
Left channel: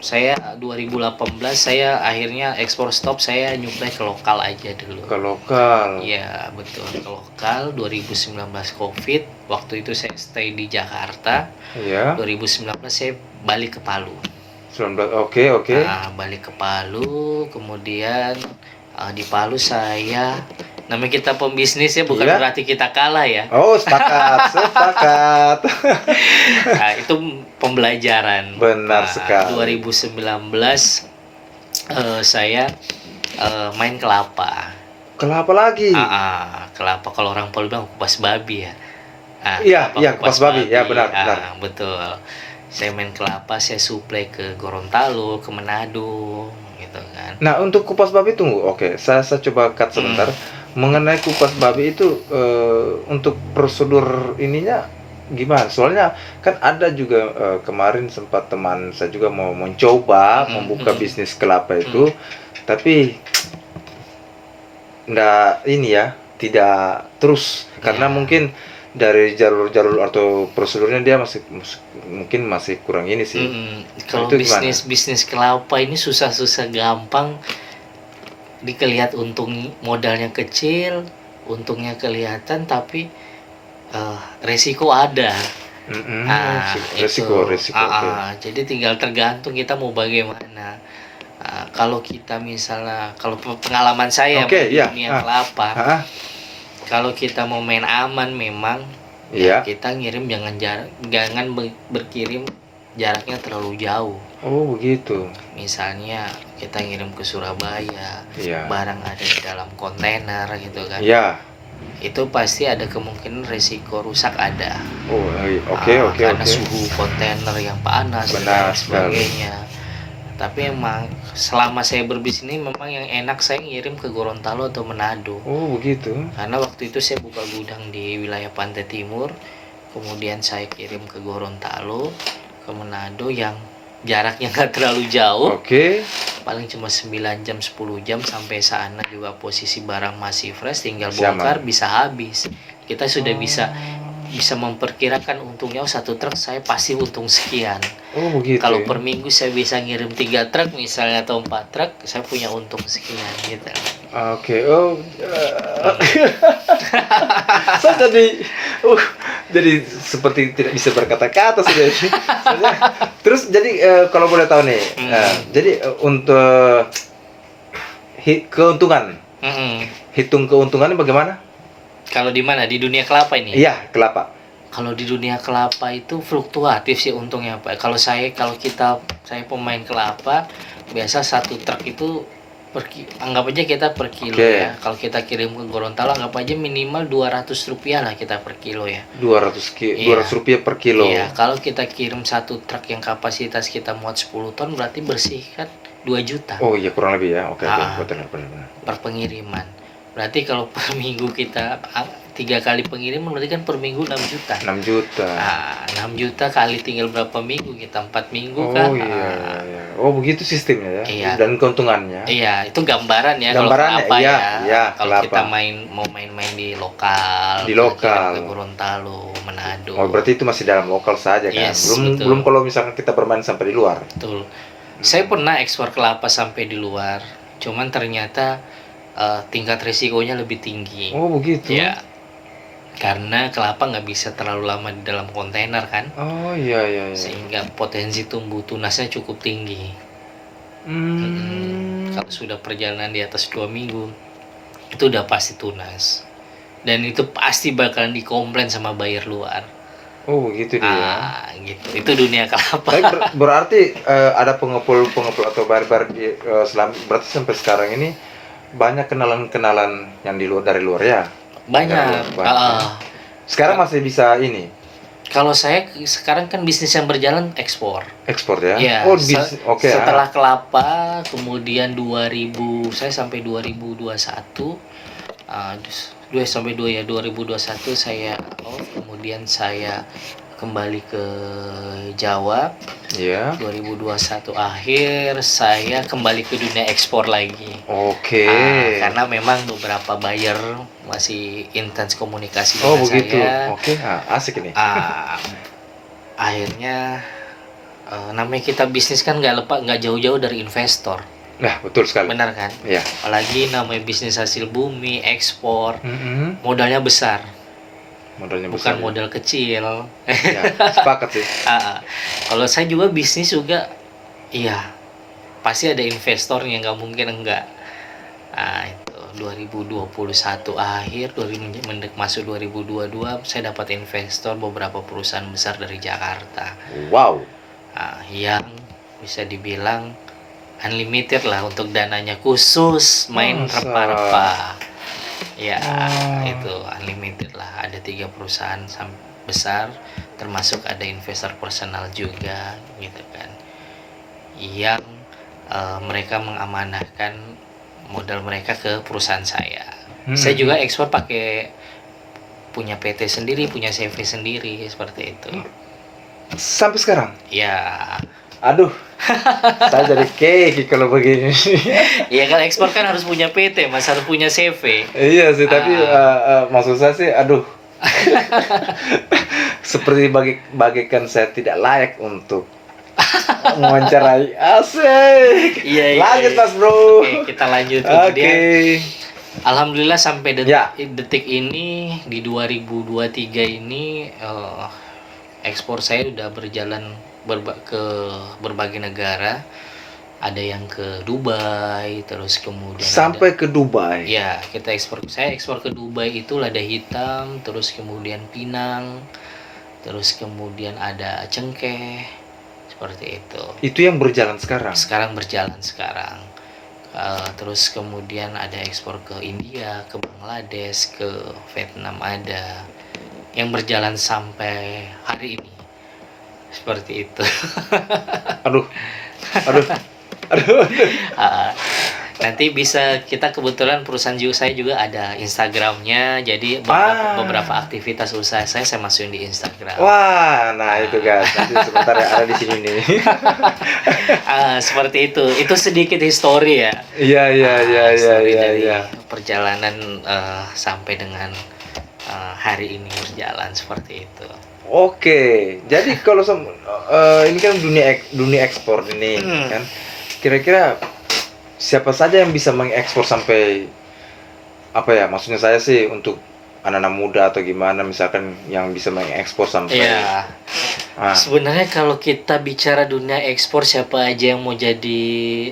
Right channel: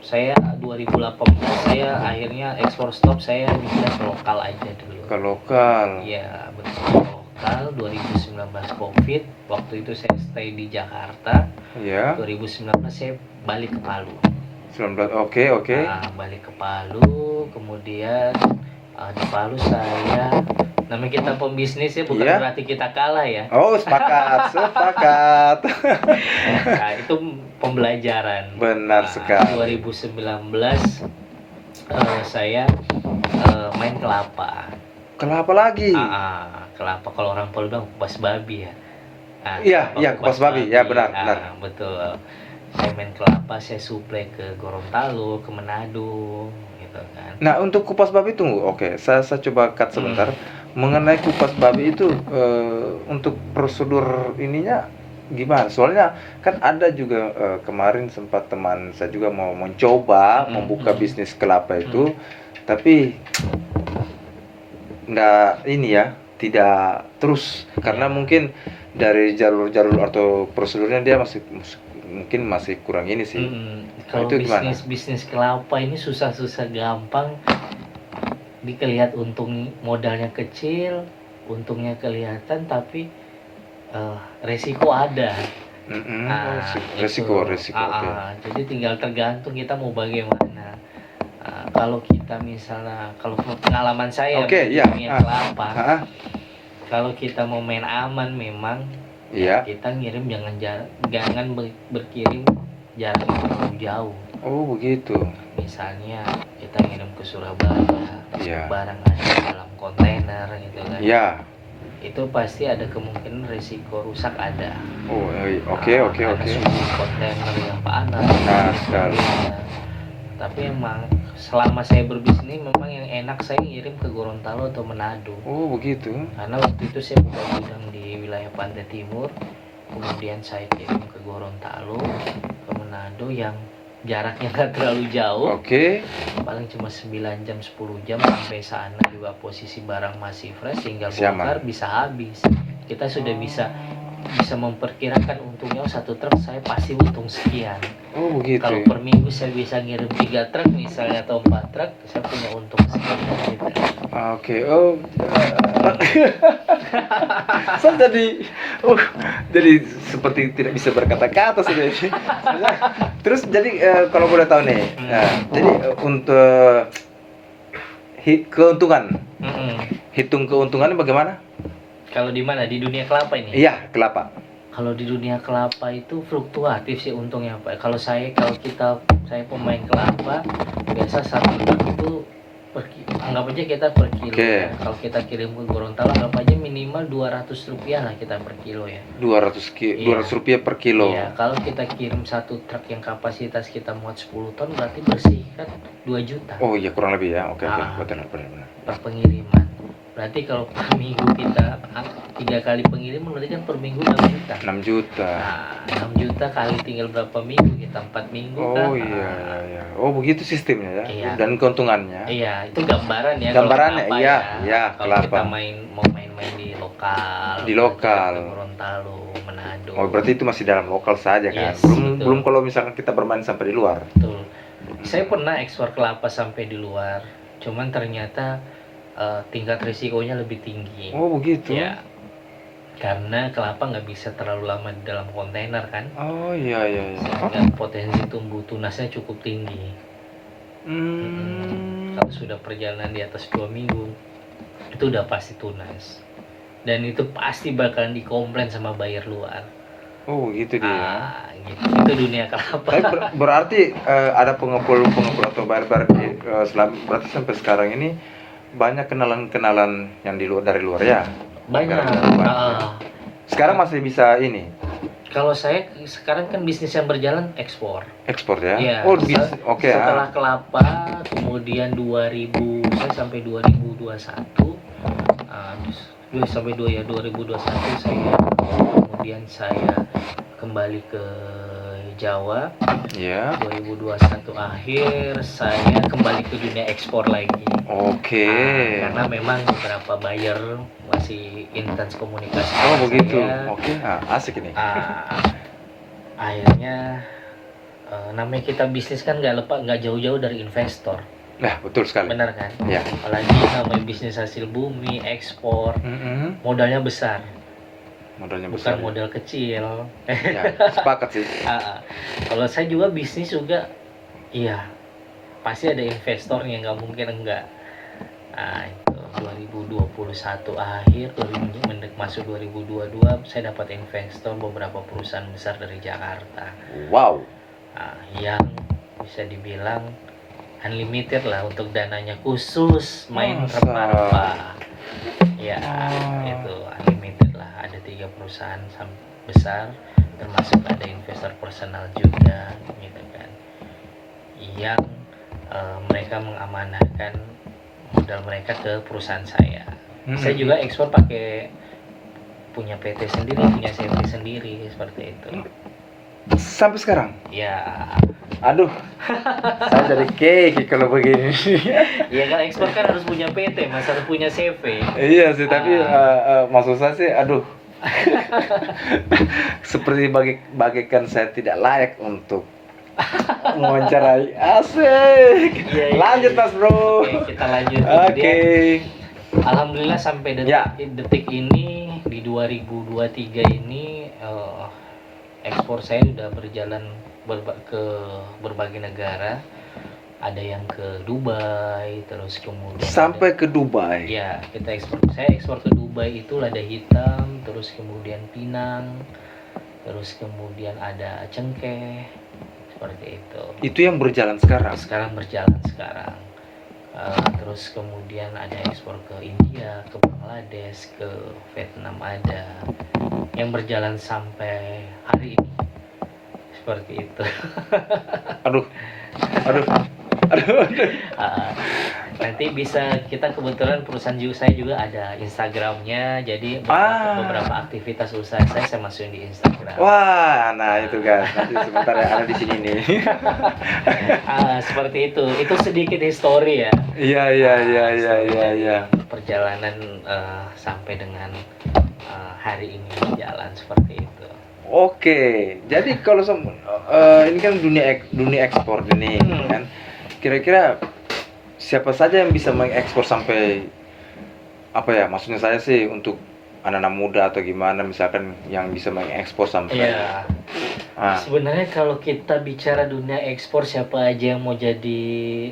saya 2018 saya akhirnya ekspor stop, saya nyuplai ke lokal aja dulu. Ke lokal. Iya, betul, ke lokal. 2019 COVID, waktu itu saya stay di Jakarta. Iya. 2019 saya balik ke Palu. Oke. Nah, balik ke Palu, kemudian di Palu saya, namanya kita pembisnis ya, bukan berarti kita kalah ya. Oh, sepakat. Nah, itu pembelajaran. Benar sekali. 2019 saya main kelapa. Kelapa lagi? Kelapa, kalau orang Palu bilang kupas babi ya. Iya, kupas babi. Ya, benar. Betul. Saya main kelapa, saya suplai ke Gorontalo, ke Manado, gitu kan. Nah, untuk kupas babi tunggu. Oke, saya coba cut sebentar. Mengenai kupas babi itu, untuk prosedur ininya gimana? Soalnya kan ada juga kemarin sempat teman saya juga mau mencoba membuka bisnis kelapa itu, tapi tidak terus karena mungkin dari jalur atau prosedurnya dia masih kurang ini sih. Kalau bisnis kelapa ini susah gampang, dikelihat untung modalnya kecil, untungnya kelihatan, tapi resiko ada. Resiko. Jadi tinggal tergantung kita mau bagaimana. Kalau kita misalnya, kalau pengalaman saya dunia kelapa, kalau kita mau main aman memang, kita ngirim jangan berkirim jaraknya terlalu jauh. Oh, begitu. Misalnya kita ngirim ke Surabaya, barang ada di dalam kontainer gitu kan. Itu pasti ada kemungkinan resiko rusak ada. Oh, oke. Karena suhu kontainer yang panas dan sebagainya. Tapi emang selama saya berbisnis memang yang enak saya ngirim ke Gorontalo atau Manado. Oh, begitu. Karena waktu itu saya buka gudang di wilayah Pantai Timur, kemudian saya kirim ke Gorontalo, ke Manado yang jaraknya nggak terlalu jauh. Paling cuma 9 jam 10 jam sampai sana, juga posisi barang masih fresh, tinggal bongkar bisa habis. Kita sudah bisa memperkirakan untungnya, satu truk saya pasti untung sekian. Oh, begitu. Kalau per minggu saya bisa ngirim 3 truk misalnya atau 4 truk, saya punya untung sekian gitu. Saya jadi seperti tidak bisa berkata-kata sudah. Terus jadi kalau boleh tahu nih, jadi untuk keuntungan, hitung keuntungannya bagaimana? Kalau di mana? Di dunia kelapa ini? Iya, kelapa. Kalau di dunia kelapa itu fluktuatif sih untungnya, Pak. Saya pemain kelapa, biasa satu truk itu anggap aja kita per kilo ya. Kalau kita kirim ke Gorontalo, anggap aja minimal Rp200 lah kita per kilo ya. Rp200 per kilo. Iya, kalau kita kirim satu truk yang kapasitas kita muat 10 ton, berarti bersih kan 2 juta. Oh iya, kurang lebih ya. Oke, benar. Per pengiriman. Berarti kalau per minggu kita 3 kali pengiriman berarti kan per minggu 6 juta. 6 juta. Nah, 6 juta kali tinggal berapa minggu kita 4 minggu Oh kan. iya, iya. Oh begitu sistemnya ya. Iya. Dan keuntungannya. Iya, itu gambaran ya. Gambarannya, kalau iya, ya. iya, Kalau kelapa. kita mau main-main di lokal, Di lokal. ke Gorontalo, Manado. Oh berarti itu masih dalam lokal saja kan. Yes, belum betul. belum kalau misalkan kita bermain sampai di luar. Betul. Saya pernah ekspor kelapa sampai di luar, cuman ternyata tingkat risikonya lebih tinggi. Oh begitu. Ya, karena kelapa nggak bisa terlalu lama di dalam kontainer kan, Oh iya iya. Iya. sehingga potensi tumbuh tunasnya cukup tinggi. Kalau sudah perjalanan di atas 2 minggu, itu udah pasti tunas. Dan itu pasti bakalan dikomplain sama buyer luar. Oh begitu dia. Gitu. Itu dunia kelapa. Tapi berarti ada pengepul atau barbar berarti sampai sekarang ini banyak kenalan yang dari luar ya. Banyak. Sekarang masih bisa ini Kalau saya sekarang kan bisnis yang berjalan ekspor. ekspor ya. Ya, Oh bisnis. Oke. Setelah kelapa, kemudian 2000 saya sampai 2021. Sampai 2021 saya kemudian saya kembali ke Jawa. Iya. 2021 akhir saya kembali ke dunia ekspor lagi. Oke. Karena memang beberapa buyer masih intens komunikasi Oh dengan begitu. saya. Oke. Asik ini. Akhirnya namanya kita bisnis kan nggak jauh-jauh dari investor. Nah betul sekali. Benar kan? Ya. Apalagi namanya bisnis hasil bumi, ekspor, modalnya besar. Modalnya Bukan besar. modal kecil. Ya, sepakat sih. Kalau saya juga bisnis juga, iya pasti ada investornya, nggak mungkin enggak. Itu 2021 akhir, masuk 2022 saya dapat investor beberapa perusahaan besar dari Jakarta. Wow. Yang bisa dibilang unlimited lah untuk dananya, khusus main rempah-rempah. Ya, itu unlimited lah. Ada 3 perusahaan besar, termasuk ada investor personal juga, gitu kan. Yang mereka mengamanahkan modal mereka ke perusahaan saya. Saya juga ekspor pakai punya PT sendiri, punya CV sendiri, seperti itu. Sampai sekarang? Ya. Aduh, saya jadi keki kalau begini. Iya kan ekspor kan harus punya PT, Mas, harus punya CV. Iya sih, tapi maksud saya sih, aduh, seperti bagikan saya tidak layak untuk mewawancarai. Asik. Iya, lanjut iya. Mas Bro. Oke, kita lanjut. Oke. Alhamdulillah sampai detik ini di 2023 ini ekspor saya udah berjalan ke berbagai negara. Ada yang ke Dubai, terus kemudian sampai ke Dubai. Ya, saya ekspor ke Dubai itu lada hitam, terus kemudian Pinang, terus kemudian ada cengkeh, seperti itu. Itu yang berjalan sekarang. Sekarang. Terus kemudian ada ekspor ke India, ke Bangladesh, ke Vietnam ada, yang berjalan sampai hari ini. Seperti itu. Aduh. Nanti bisa, kita kebetulan perusahaan saya juga ada Instagramnya, jadi beberapa aktivitas usaha saya masukin di Instagram. Wah, nah itu guys, nanti sebentar ya, ada di sini nih. Seperti itu sedikit histori ya. Iya. Perjalanan sampai dengan hari ini berjalan seperti itu. Oke, jadi kalau ini kan dunia ekspor ini kan, kira-kira siapa saja yang bisa mengekspor sampai apa ya? Maksudnya saya sih untuk anak-anak muda atau gimana, misalkan yang bisa mengekspor sampai. Iya. Sebenarnya kalau kita bicara dunia ekspor, siapa aja yang mau jadi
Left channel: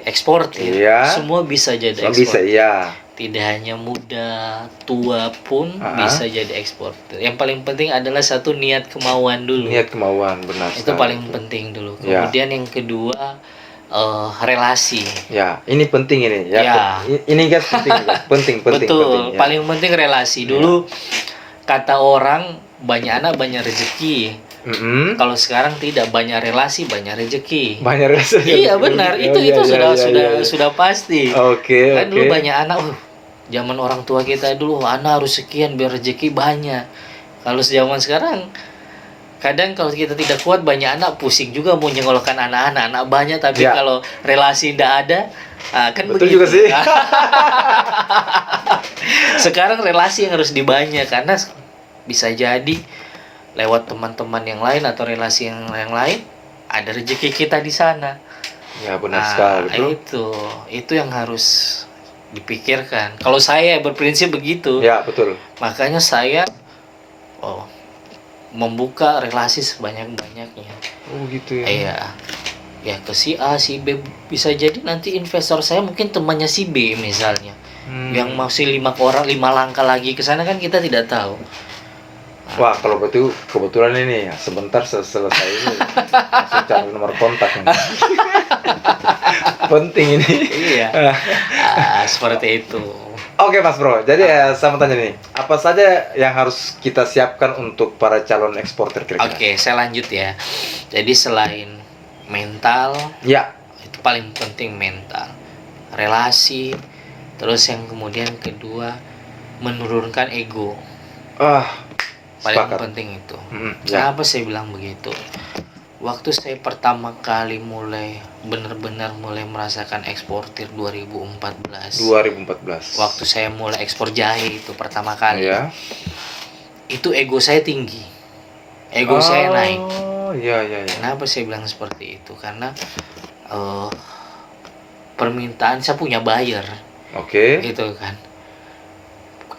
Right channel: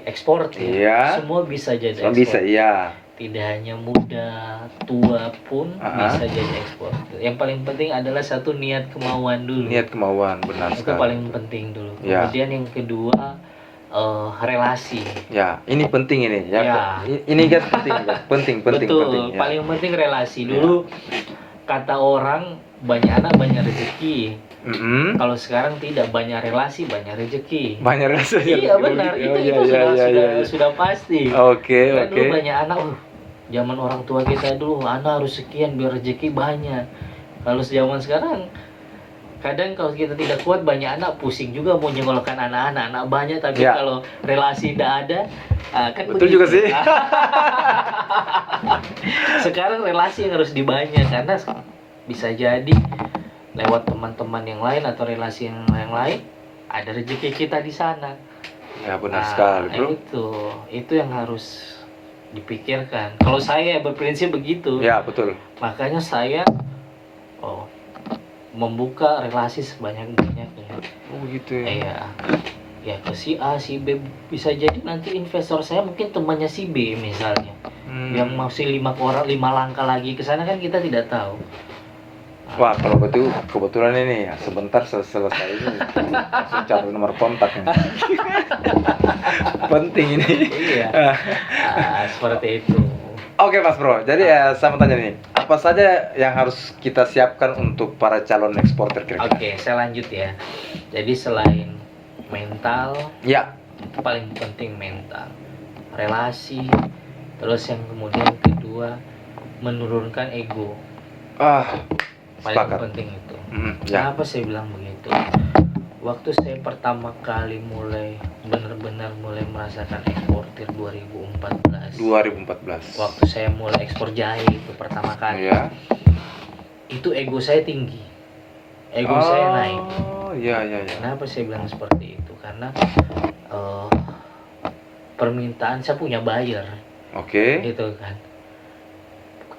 eksportir, semua bisa jadi ekspor. Bisa, iya. Tidak hanya muda, tua pun bisa jadi ekspor. Yang paling penting adalah satu niat kemauan dulu. Niat kemauan, benar. Itu paling penting dulu. Kemudian yang kedua relasi. Ya, ini penting ini. Ya. Ini guys penting. Betul. Penting, paling penting relasi dulu. Kata orang banyak anak banyak rezeki. Kalau sekarang tidak, banyak relasi banyak rezeki. Banyak relasi. Iya benar, itu sudah pasti. Oke. Kan dulu banyak anak Zaman orang tua kita dulu, anak harus sekian biar rezeki banyak. Kalau zaman sekarang, kadang kalau kita tidak kuat banyak anak, pusing juga mau nyenggolkan anak banyak, tapi Ya. kalau relasi tidak ada, kan Betul begitu. juga sih. Sekarang relasi yang harus dibanyak, karena bisa jadi lewat teman-teman yang lain atau relasi yang lain ada rezeki kita di sana. Ya benar sekali bro. Itu yang harus dipikirkan. Kalau saya berprinsip begitu. Ya betul. Makanya saya membuka relasi sebanyak-banyaknya. Oh gitu ya. Iya. Ya ke si A, si B, bisa jadi nanti investor saya mungkin temannya si B misalnya. Yang masih 5 langkah lagi ke sana, kan kita tidak tahu. Wah, kalau betul kebetulan ini ya, sebentar selesai ini langsung cari nomor kontak nih. Penting ini. Iya. Seperti itu. Oke Mas Bro, jadi saya mau tanya nih, apa saja yang harus kita siapkan untuk para calon eksportir kira-kira? Oke, saya lanjut ya. Jadi selain mental, Ya, itu paling penting mental, relasi, terus yang kemudian kedua menurunkan ego. Paling sepakat. penting itu. Ya. Kenapa saya bilang begitu? Waktu saya pertama kali benar-benar mulai merasakan eksportir 2014. 2014. Waktu saya mulai ekspor jahe itu pertama kali. Ya. Itu ego saya tinggi. Ego saya naik. Oh, iya. Kenapa saya bilang seperti itu? Karena permintaan, saya punya buyer. Oke. Gitu kan.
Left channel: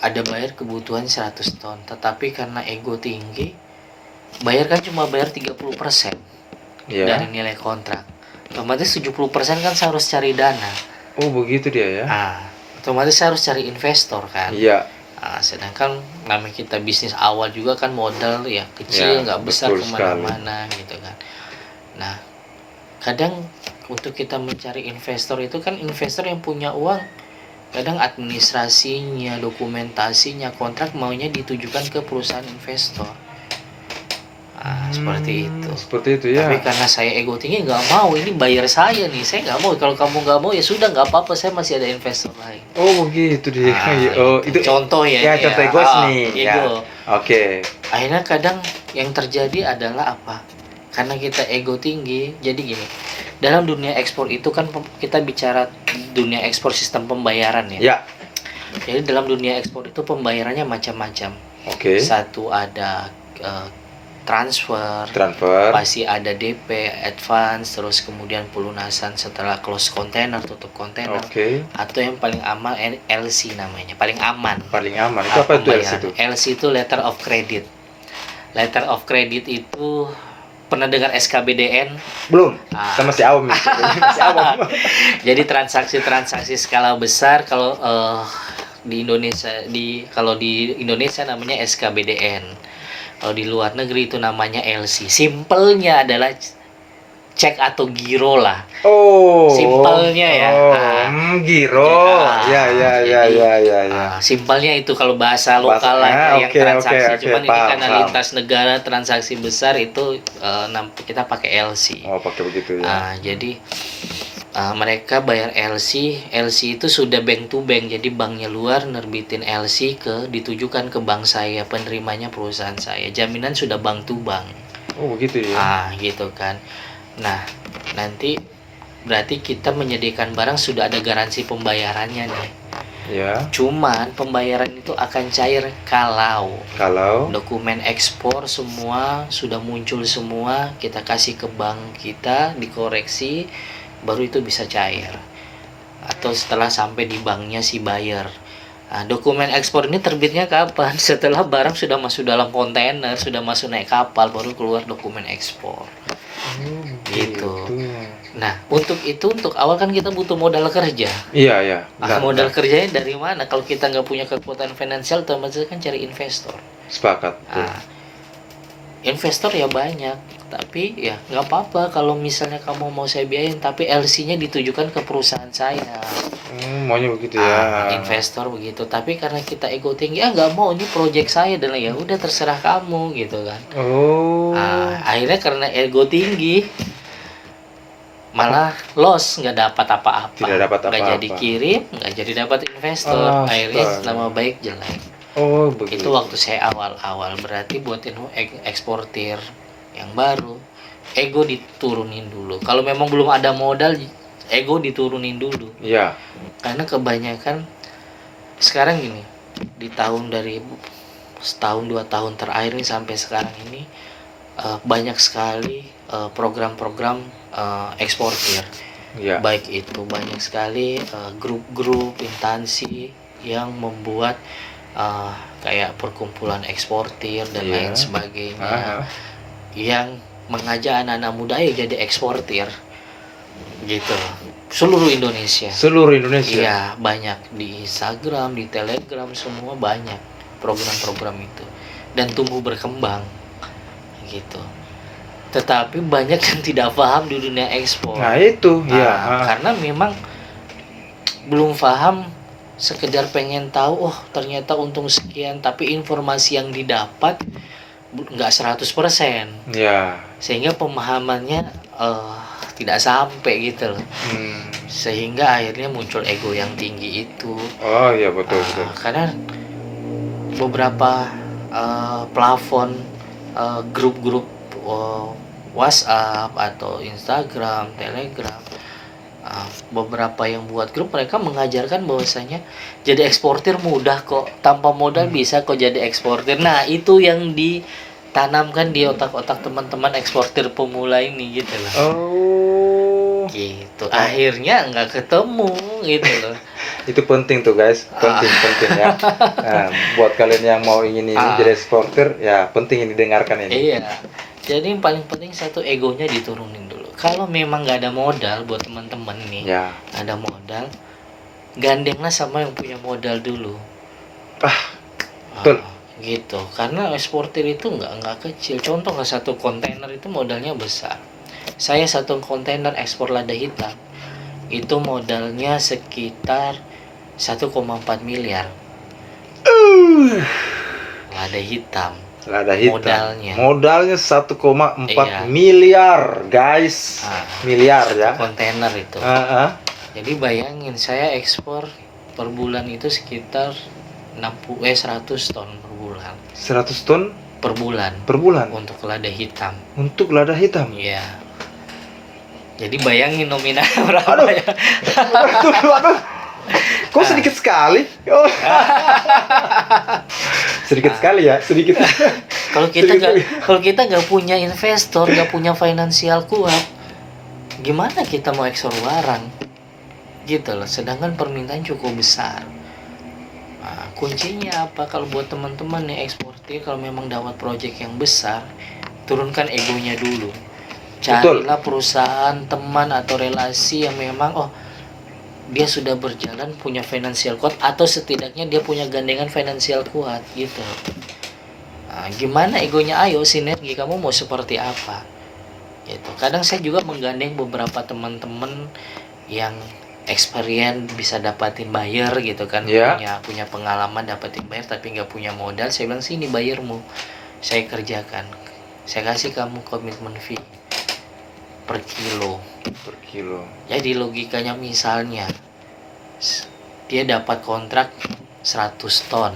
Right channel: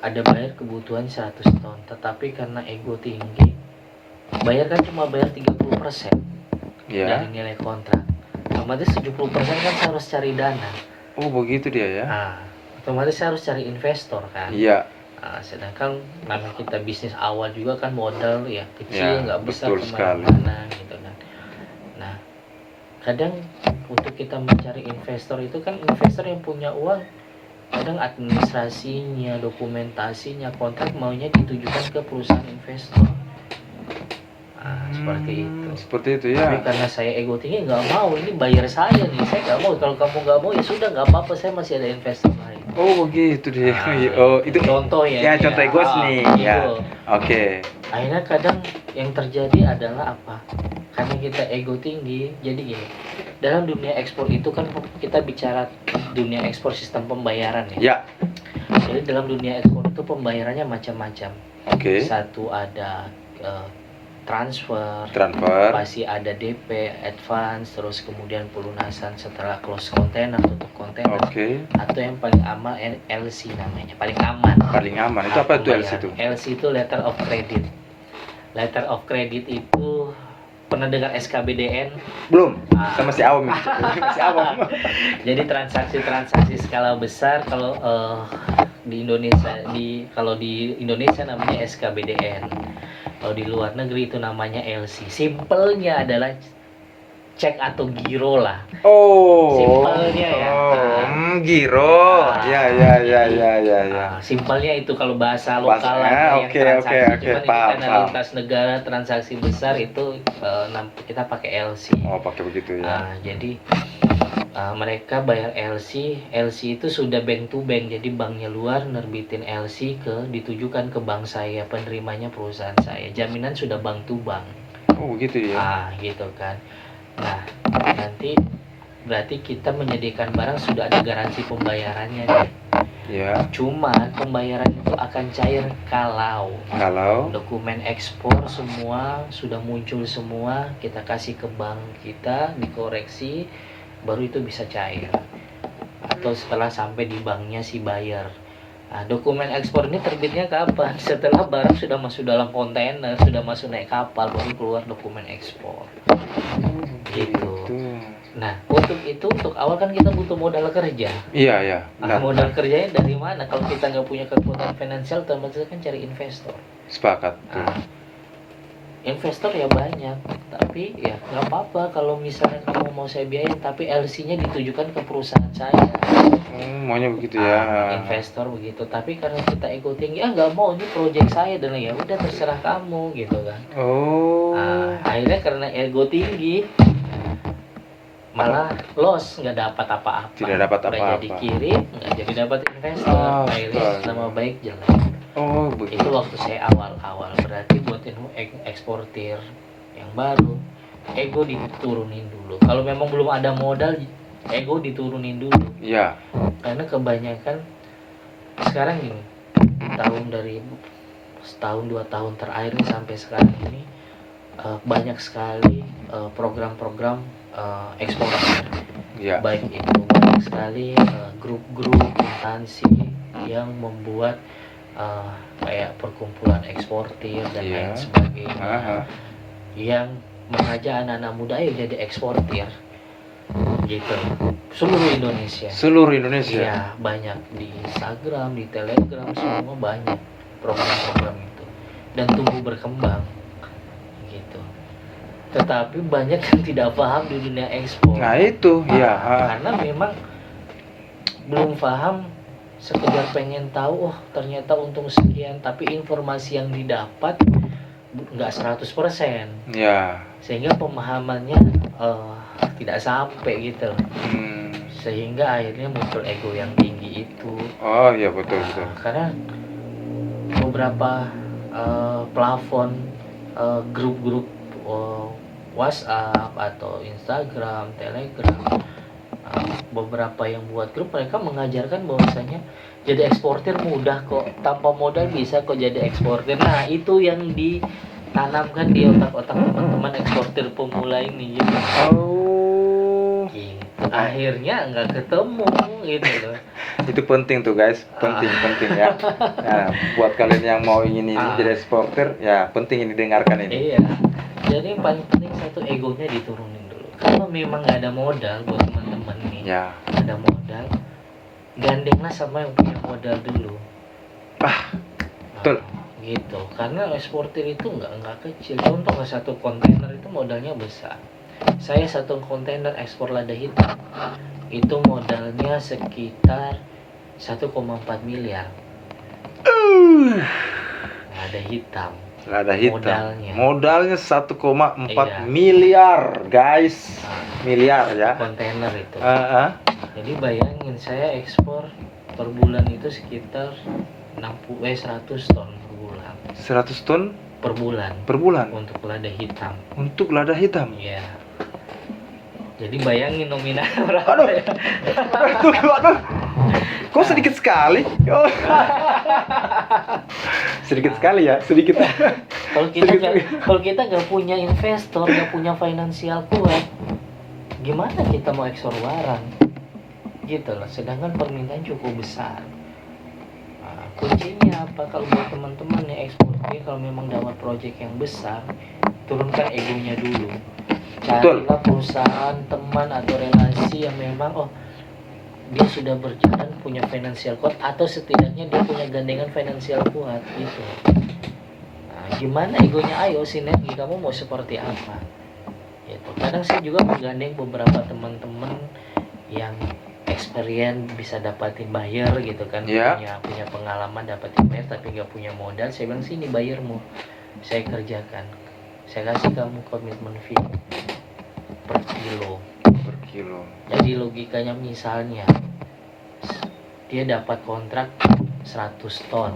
Ada buyer kebutuhan 100 ton, tetapi karena ego tinggi, buyer kan cuma bayar 30% dari nilai kontrak. Otomatis 70% kan saya harus cari dana. Oh, begitu dia ya. Otomatis saya harus cari investor kan. Iya. Sedangkan namanya kita bisnis awal juga kan modal ya kecil, nggak besar kemana-mana gitu kan. Nah, kadang untuk kita mencari investor itu kan investor yang punya uang, kadang administrasinya, dokumentasinya, kontrak maunya ditujukan ke perusahaan investor. Seperti itu. Seperti itu ya. Tapi karena saya ego tinggi, nggak mau, ini bayar saya nih, saya nggak mau. Kalau kamu nggak mau ya sudah, nggak apa-apa, saya masih ada investor lain. Oh begitu dia. Itu contoh ya. Ya contoh egos nih. Ya. Oke. Akhirnya kadang yang terjadi adalah apa? Karena kita ego tinggi, jadi gini. Dalam dunia ekspor itu kan kita bicara dunia ekspor sistem pembayaran ya. Ya. Jadi dalam dunia ekspor itu pembayarannya macam-macam. Oke. Satu ada transfer, pasti ada DP, advance, terus kemudian pelunasan setelah close kontainer, tutup kontainer. Atau yang paling aman LC namanya, paling aman. Itu apa itu LC itu? LC itu letter of credit. Letter of credit itu pernah dengar SKBDN? Belum. Saya masih awam. Jadi transaksi skala besar kalau di Indonesia namanya SKBDN. Kalau di luar negeri itu namanya LC. Simpelnya adalah cek atau giro lah. Simpelnya ya. Giro. Ya. Simpelnya itu kalau bahasa lokal lah yang transaksi. Cuman ini karena lintas negara transaksi besar itu kita pakai LC. Pakai begitu ya. Jadi mereka bayar LC itu sudah bank to bank, jadi banknya luar nerbitin LC ditujukan ke bank saya, penerimanya perusahaan saya, jaminan sudah bank to bank. Begitu ya. Gitu kan. Nah, nanti berarti kita menyediakan barang sudah ada garansi pembayarannya nih. Ya. Cuman pembayaran itu akan cair kalau dokumen ekspor semua sudah muncul semua, kita kasih ke bank kita, dikoreksi, baru itu bisa cair. Atau setelah sampai di banknya si buyer. Dokumen ekspor ini terbitnya kapan? Setelah barang sudah masuk dalam kontainer, sudah masuk naik kapal, baru keluar dokumen ekspor. Gitu. Nah, untuk awal kan kita butuh modal kerja. Iya. Modal kerjanya dari mana? Kalau kita nggak punya kekuatan finansial, otomatis kan cari investor. Sepakat. Investor ya banyak, tapi ya nggak apa-apa kalau misalnya kamu mau saya biayain, tapi LC-nya ditujukan ke perusahaan saya. Maunya begitu ya. Investor begitu, tapi karena kita ego tinggi, nggak mau, ini proyek saya, dan ya udah terserah kamu gitu kan. Akhirnya karena ego tinggi, malah loss, nggak dapat apa-apa, Tidak dapat nggak apa-apa. jadi kirim, nggak jadi dapat investor, akhirnya Astaga. nama baik jelek. Oh, Itu begitu. waktu saya awal-awal, berarti buat eksportir yang baru, ego diturunin dulu. Kalau memang belum ada modal, ego diturunin dulu. Iya. Karena kebanyakan sekarang gini, di tahun dari setahun 2 tahun terakhir nih sampai sekarang ini banyak sekali program-program eksportir. Iya. Baik itu banyak sekali grup-grup instansi yang membuat kayak perkumpulan eksportir dan Iya. lain sebagainya, yang mengajak anak-anak muda ayo jadi eksportir gitu, seluruh Indonesia. Seluruh Indonesia. Iya, banyak di Instagram, di Telegram, semua banyak program-program itu dan tumbuh berkembang gitu. Tetapi banyak yang tidak paham di dunia ekspor. Nah, itu ya. Karena memang belum paham, sekedar pengen tahu, oh ternyata untung sekian, tapi informasi yang didapat nggak 100%. Ya. Sehingga pemahamannya tidak sampai gitu loh. Sehingga akhirnya muncul ego yang tinggi itu. Oh iya, betul betul. Karena beberapa plafon grup-grup WhatsApp atau Instagram, Telegram, beberapa yang buat grup, mereka mengajarkan bahwasanya jadi eksportir mudah kok, tanpa modal bisa kok jadi eksportir. Nah, itu yang ditanamkan di otak-otak teman-teman eksportir pemula ini gitu. Oh. Gitu. Akhirnya nggak ketemu gitu loh. Itu penting tuh guys, penting ya. Nah, buat kalian yang mau ingin jadi eksportir, ya penting ini didengarkan ini. Iya. Jadi yang paling penting satu, egonya diturunin dulu. Kalau memang nggak ada modal buat teman-teman nih, Ya. nggak ada modal, gandenglah sama yang punya modal dulu. Betul. Gitu. Karena eksportir itu nggak kecil. Contoh, satu kontainer itu modalnya besar. Saya satu kontainer ekspor lada hitam itu modalnya sekitar 1,4 miliar. Lada hitam. Lada hitam. Modalnya 1,4 Iya. miliar, guys. Miliar ya. Kontainer itu. Jadi bayangin, saya ekspor per bulan itu sekitar 100 ton per bulan. 100 ton Per bulan per bulan untuk lada hitam. untuk lada hitam. Iya. Jadi bayangin nominal berapa Aduh. ya? Aduh. Kok sedikit sekali? Oh. Sedikit sekali ya, sedikit. Kalau kita nggak punya investor, nggak punya finansial kuat, gimana kita mau ekspor barang? Gitu loh. Sedangkan permintaan cukup besar. Nah, kuncinya apa? Kalau buat teman-teman nih eksportir, kalau memang dapat proyek yang besar, turunkan egonya dulu. Carilah perusahaan, teman atau relasi yang memang dia sudah berjalan, punya finansial kuat, atau setidaknya dia punya gandengan finansial kuat gitu. Nah, gimana egonya, ayo sinergi, kamu mau seperti apa gitu. Kadang saya juga menggandeng beberapa teman-teman yang experience, bisa dapatin buyer gitu kan. Punya pengalaman dapatin buyer tapi nggak punya modal. Saya bilang, sini bayarmu, saya kerjakan, saya kasih kamu komitmen fee per kilo. Jadi logikanya, misalnya dia dapat kontrak 100 ton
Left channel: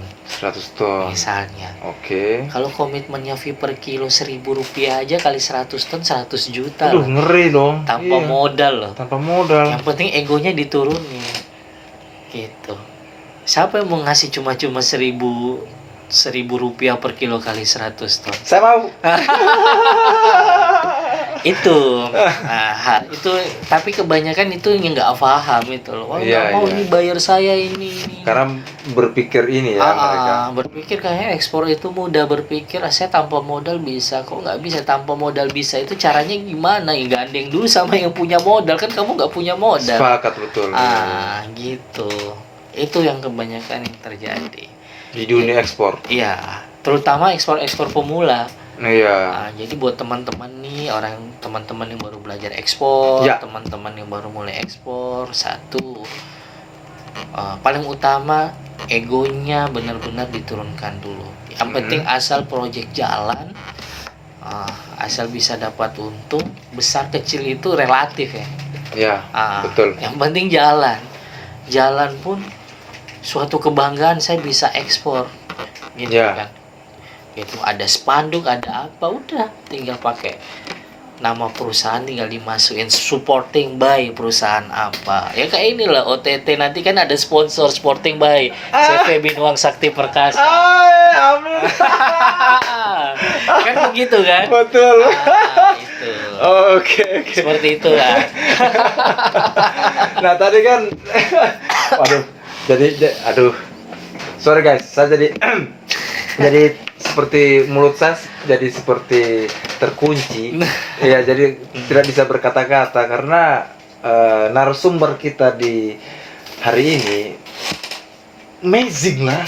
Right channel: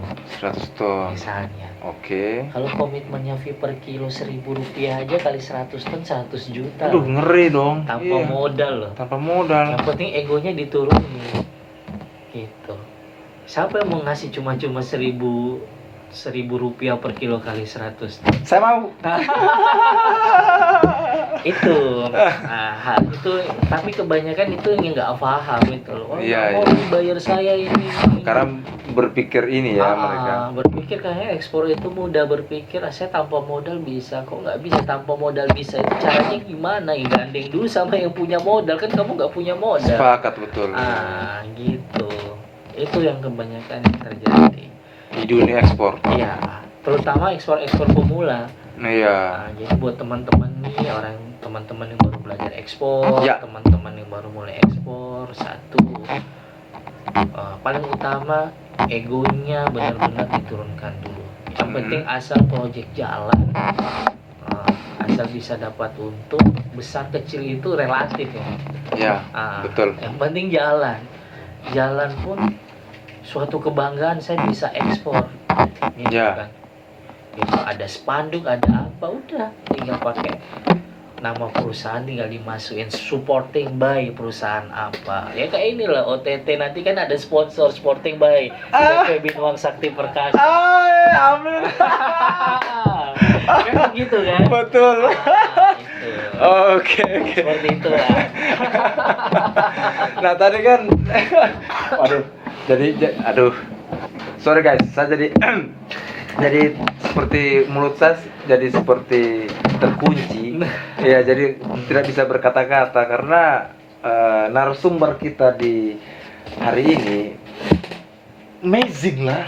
misalnya. Oke. Kalau komitmennya fee per kilo 1.000 rupiah aja, kali 100 ton 100 juta. Aduh, ngeri dong. Tanpa modal loh. Tanpa modal. Yang penting egonya diturunin gitu. Siapa yang mau ngasih cuma-cuma 1.000 rupiah per kilo kali 100 ton? Saya mau. Itu itu, tapi kebanyakan itu yang nggak paham itu loh. Nggak mau dibayar saya ini. Karena berpikir ini ya mereka. Berpikir kayak ekspor itu mudah, berpikir saya tanpa modal bisa. Kok nggak bisa tanpa modal bisa? Itu caranya gimana? Gandeng dulu sama yang punya modal, kan kamu nggak punya modal. Sepakat, betul. Gitu. Itu yang kebanyakan yang terjadi di dunia ekspor. Iya, terutama ekspor pemula. Iya. Jadi buat teman-teman nih, teman-teman yang baru belajar ekspor, teman-teman yang baru mulai ekspor, satu, paling utama egonya benar-benar diturunkan dulu. Yang penting asal proyek jalan, asal bisa dapat untung, besar kecil itu relatif ya. Ya, betul. Yang penting jalan pun suatu kebanggaan, saya bisa ekspor gitu Ya. kan. Itu ada spanduk, ada apa, udah tinggal pakai nama perusahaan, tinggal dimasukin supporting by perusahaan apa ya, kayak inilah OTT nanti kan ada sponsor supporting by CV Binuang Sakti Perkasa. Amin. Kan begitu kan. Betul. Itu Oke. seperti itu lah. Nah tadi kan, waduh, aduh, sorry guys, saya jadi jadi seperti mulut saya jadi seperti terkunci, ya jadi tidak bisa berkata-kata karena narasumber kita di hari ini amazing lah,